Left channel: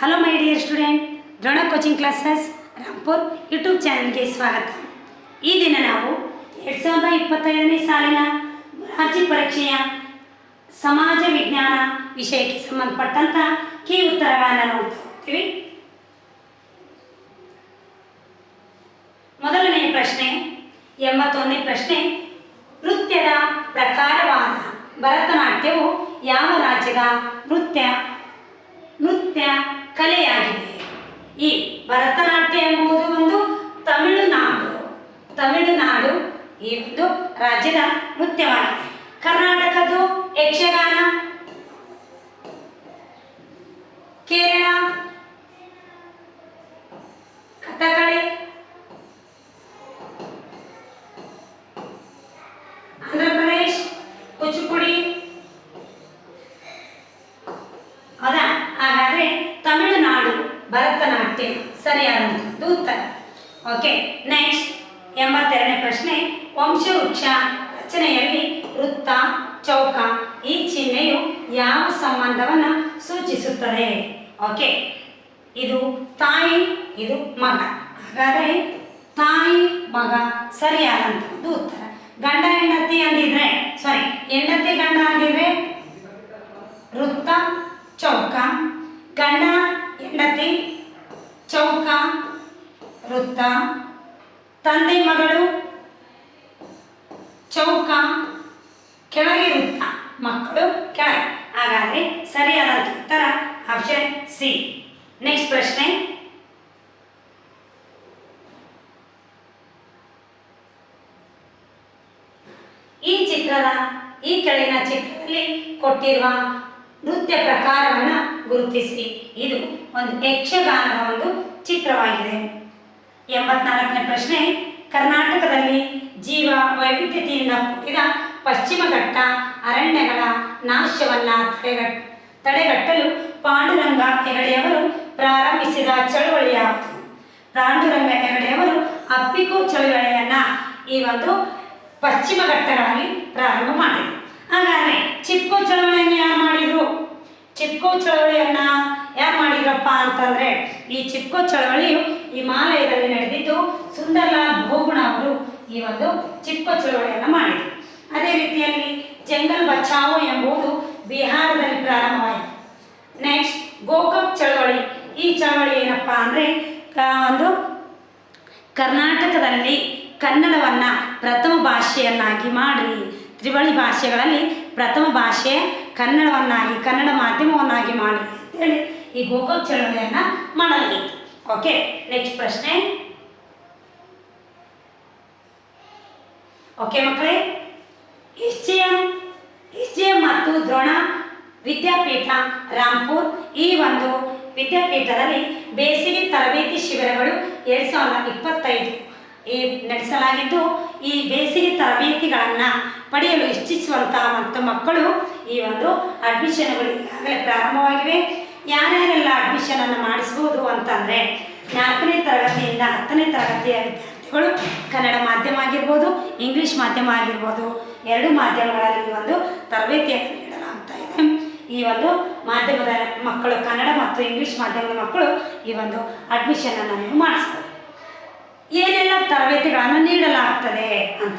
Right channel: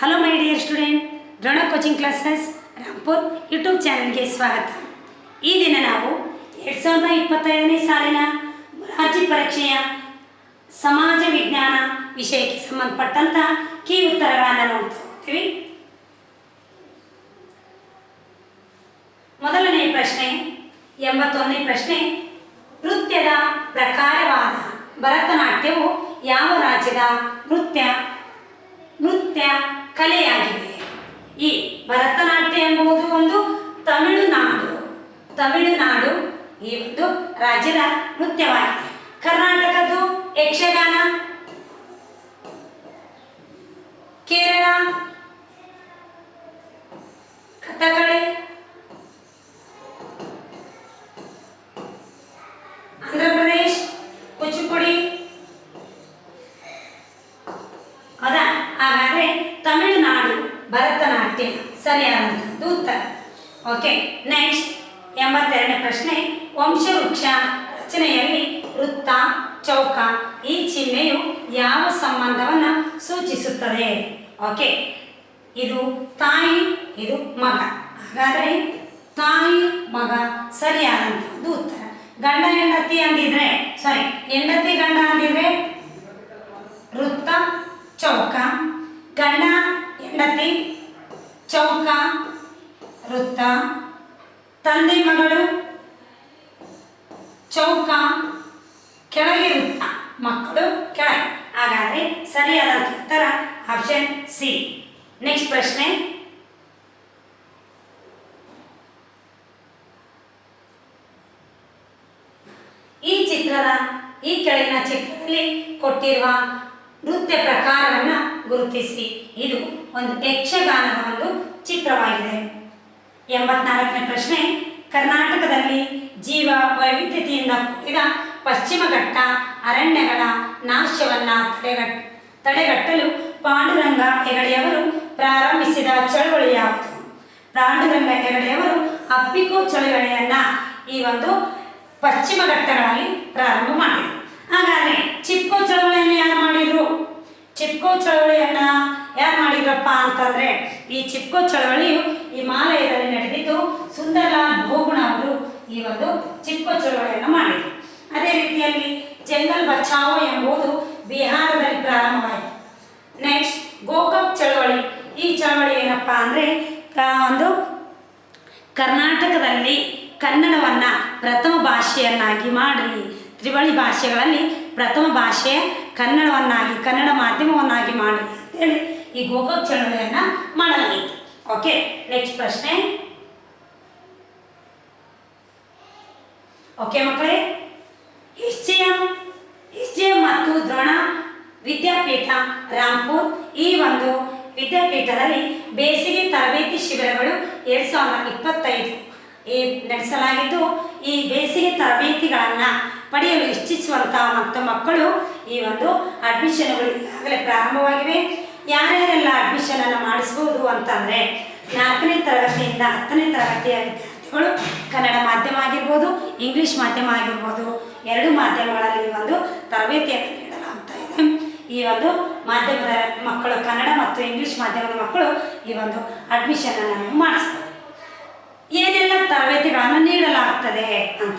Hello my dear student Drona coaching classes Rampur YouTube ಚಾನಲ್ಗೆ ಸ್ವಾಗತ. ಈ ದಿನ ನಾವು ಎರಡು ಸಾವಿರದ ಇಪ್ಪತ್ತೈದನೇ ಸಾಲಿನ ರಾಜ್ಯ ಪರೀಕ್ಷೆಯ ಸಮಾಜ ವಿಜ್ಞಾನ ವಿಷಯಕ್ಕೆ ಸಂಬಂಧಪಟ್ಟಂಥ ಕೀ ಉತ್ತರಗಳನ್ನು ನೋಡ್ತಾ ಹೋಗ್ತೀವಿ. ಮೊದಲನೇ ಪ್ರಶ್ನೆ, ಎಂಬತ್ತೊಂದನೇ ಪ್ರಶ್ನೆ. ನೃತ್ಯದ ಪ್ರಕಾರವಾದ ಭರತನಾಟ್ಯವು ಯಾವ ರಾಜ್ಯದ ನೃತ್ಯ? ನೃತ್ಯ ಕಲೆಯಾಗಿದೆ. ಈ ಭರತನಾಟ್ಯ ಎಂಬುದು ಒಂದು ತಮಿಳುನಾಡು. ತಮಿಳುನಾಡು ಈ ಒಂದು ರಾಜ್ಯದ ನೃತ್ಯವಾಗಿದೆ. ಕರ್ನಾಟಕದ್ದು ಯಕ್ಷಗಾನ ಕೇರಳ ಕಥಕಳಿ ಆಂಧ್ರ ಪ್ರದೇಶ್ ಕುಚಿಪುಡಿ ಹೌದಾ ಹಾಗಾದ್ರೆ ತಮಿಳುನಾಡು ಭರತನಾಟ್ಯ ಸರಿಯಾದಂಥದ್ದು ಉತ್ತರ ಓಕೆ ನೆಕ್ಸ್ಟ್ ಎಂಬತ್ತೆರಡನೇ ಪ್ರಶ್ನೆ ವಂಶವೃಕ್ಷ ರಚನೆಯಲ್ಲಿ ವೃತ್ತ ಚೌಕ ಈ ಚಿಹ್ನೆಯು ಯಾವ ಸಂಬಂಧವನ್ನು ಸೂಚಿಸುತ್ತದೆ ಓಕೆ ಇದು ತಾಯಿ ಇದು ಮಗ. ಹಾಗಾದರೆ ತಾಯಿ ಮಗ ಸರಿಯಾದಂಥದ್ದು ಉತ್ತರ. ಗಂಡ ಹೆಂಡತಿ ಅಂದಿದ್ರೆ ಸಾರಿ ಹೆಂಡತಿ, ಗಂಡ ಅಂದಿದ್ರೆ ವೃತ್ತ, ಚೌಕ. ಗಂಡ, ಹೆಂಡತಿ, ಚೌಕ, ವೃತ್ತ. ತಂದೆ ಮಗಳು ಚೌಕ, ಕೆಳಗೆ ವೃತ್ತ, ಮಕ್ಕಳು ಕೆಳಗೆ. ಹಾಗಾದರೆ ಸರಿಯಾದ ಉತ್ತರ ಆಪ್ಷನ್ ಸಿ ನೆಕ್ಸ್ಟ್ ಪ್ರಶ್ನೆ ಈ ಚಿತ್ರದ ಈ ಕೆಳಗಿನ ಚಿತ್ರದಲ್ಲಿ ಕೊಟ್ಟಿರುವ ನೃತ್ಯ ಪ್ರಕಾರವನ್ನು ಗುರುತಿಸಿ. ಇದು ಒಂದು ಯಕ್ಷಗಾನದ ಒಂದು ಚಿತ್ರವಾಗಿದೆ. ಎಂಬತ್ನಾಲ್ಕನೇ ಪ್ರಶ್ನೆ. ಕರ್ನಾಟಕದಲ್ಲಿ ಜೀವ ವೈವಿಧ್ಯತೆಯಿಂದ ಕೂಡಿದ ಪಶ್ಚಿಮ ಘಟ್ಟ ಅರಣ್ಯಗಳ ನಾಶವನ್ನು ತಡೆಗಟ್, ತಡೆಗಟ್ಟಲು ಪಾಂಡುರಂಗ ಹೆಗಡೆಯವರು ಪ್ರಾರಂಭಿಸಿದ ಚಳವಳಿ ಯಾವುದು? ಪಾಂಡುರಂಗ ಹೆಗಡೆಯವರು ಅಪ್ಪಿಕೋ ಚಳವಳಿಯನ್ನು ಈ ಒಂದು ಪಶ್ಚಿಮ ಘಟ್ಟಗಳಲ್ಲಿ ಪ್ರಾರಂಭ ಮಾಡಿದರು. ಹಾಗಾದರೆ ಚಿಪ್ಕೋ ಚಳವಳಿಯನ್ನು ಯಾರು ಮಾಡಿದರು? ಚಿಪ್ಕೋ ಚಳವಳಿಯನ್ನ ಯಾರು ಮಾಡಿದ್ರಪ್ಪ ಅಂತಂದರೆ ಈ ಚಿಪ್ಕೋ ಚಳವಳಿಯು ಹಿಮಾಲಯದಲ್ಲಿ ನಡೆದಿದ್ದು ಸುಂದರ್ಲಾಲ್ ಭೋಗುಣ ಅವರು ಈ ಒಂದು ಚಿಪ್ಕೋ ಚಳವಳಿಯನ್ನು ಮಾಡಿದರು. ಅದೇ ರೀತಿಯಲ್ಲಿ ಜಂಗಲ್ ಬಚಾವೋ ಎಂಬುದು ಬಿಹಾರದಲ್ಲಿ ಪ್ರಾರಂಭವಾಯಿತು. ನೆಕ್ಸ್ಟ್ ಗೋಕಾಕ್ ಚಳವಳಿ. ಈ ಚಳವಳಿ ಏನಪ್ಪ ಅಂದರೆ ಒಂದು ಕರ್ನಾಟಕದಲ್ಲಿ ಕನ್ನಡವನ್ನು ಪ್ರಥಮ ಭಾಷೆಯನ್ನಾಗಿ ಮಾಡಿ. ತ್ರಿವಳಿ ಭಾಷೆಗಳಲ್ಲಿ ಪ್ರಥಮ ಭಾಷೆ ಕನ್ನಡವನ್ನಾಗಿ, ಕನ್ನಡ ಮಾಧ್ಯಮವನ್ನಾಗಿ ಮಾಡಿ ಅಂತೇಳಿ ಈ ಗೋಕಾಕ್ ಚಳವಳಿಯನ್ನು ಮಾಡಲಾಗಿತ್ತು. ಓಕೆ ನೆಕ್ಸ್ಟ್ ಪ್ರಶ್ನೆ. ಓಕೆ ಮಕ್ಕಳೇ S G M S G M ಮತ್ತು ದ್ರೋಣ ವಿದ್ಯಾಪೀಠ ರಾಂಪುರ್ ಈ ಒಂದು ವಿದ್ಯಾಪೀಠದಲ್ಲಿ ಬೇಸಿಗೆ ತರಬೇತಿ ಶಿಬಿರಗಳು ಎರಡು ಸಾವಿರದ ಇಪ್ಪತ್ತೈದು. ಈ ನಡೆಸಲಾಗಿದ್ದು, ಈ ಬೇಸಿಗೆ ತರಬೇತಿಗಳನ್ನು ಪಡೆಯಲು ಇಚ್ಛಿಸುವಂತಹ ಮತ್ತು ಮಕ್ಕಳು ಈ ಒಂದು ಅಡ್ಮಿಷನ್ಗಳು ಈಗಾಗಲೇ ಪ್ರಾರಂಭವಾಗಿವೆ. ಯಾರ್ಯಾರೆಲ್ಲ ಅಡ್ಮಿಷನನ್ನು ಮಾಡಿಸ್ಬೋದು ಅಂತಂದರೆ ನಾಲ್ಕನೇ ತರಗತಿಯಿಂದ ಹತ್ತನೇ ತರಗತಿಯ ವಿದ್ಯಾರ್ಥಿಗಳು. ಕನ್ನಡ ಮಾಧ್ಯಮ ಆಗಿರ್ಬೋದು, ಇಂಗ್ಲೀಷ್ ಮಾಧ್ಯಮ ಆಗಿರ್ಬೋದು, ಎರಡು ಮಾಧ್ಯಮಗಳಲ್ಲಿ ಈ ಒಂದು ತರಬೇತಿಯನ್ನು ನೀಡಲಾಗ್ತಾ ಇದೆ. ಈ ಒಂದು ಮಾಧ್ಯಮದ ಮಕ್ಕಳು ಕನ್ನಡ ಮತ್ತು ಇಂಗ್ಲೀಷ್ ಮಾಧ್ಯಮದ ಮಕ್ಕಳು ಈ ಒಂದು ಅಡ್ಮಿಷನನ್ನು ನೀವು ಮಾಡಿಸ್ಬೋದು. ಏನೆಲ್ಲ ತರಬೇತಿಗಳನ್ನು ನೀಡಲಾಗ್ತದೆ ಅಂತ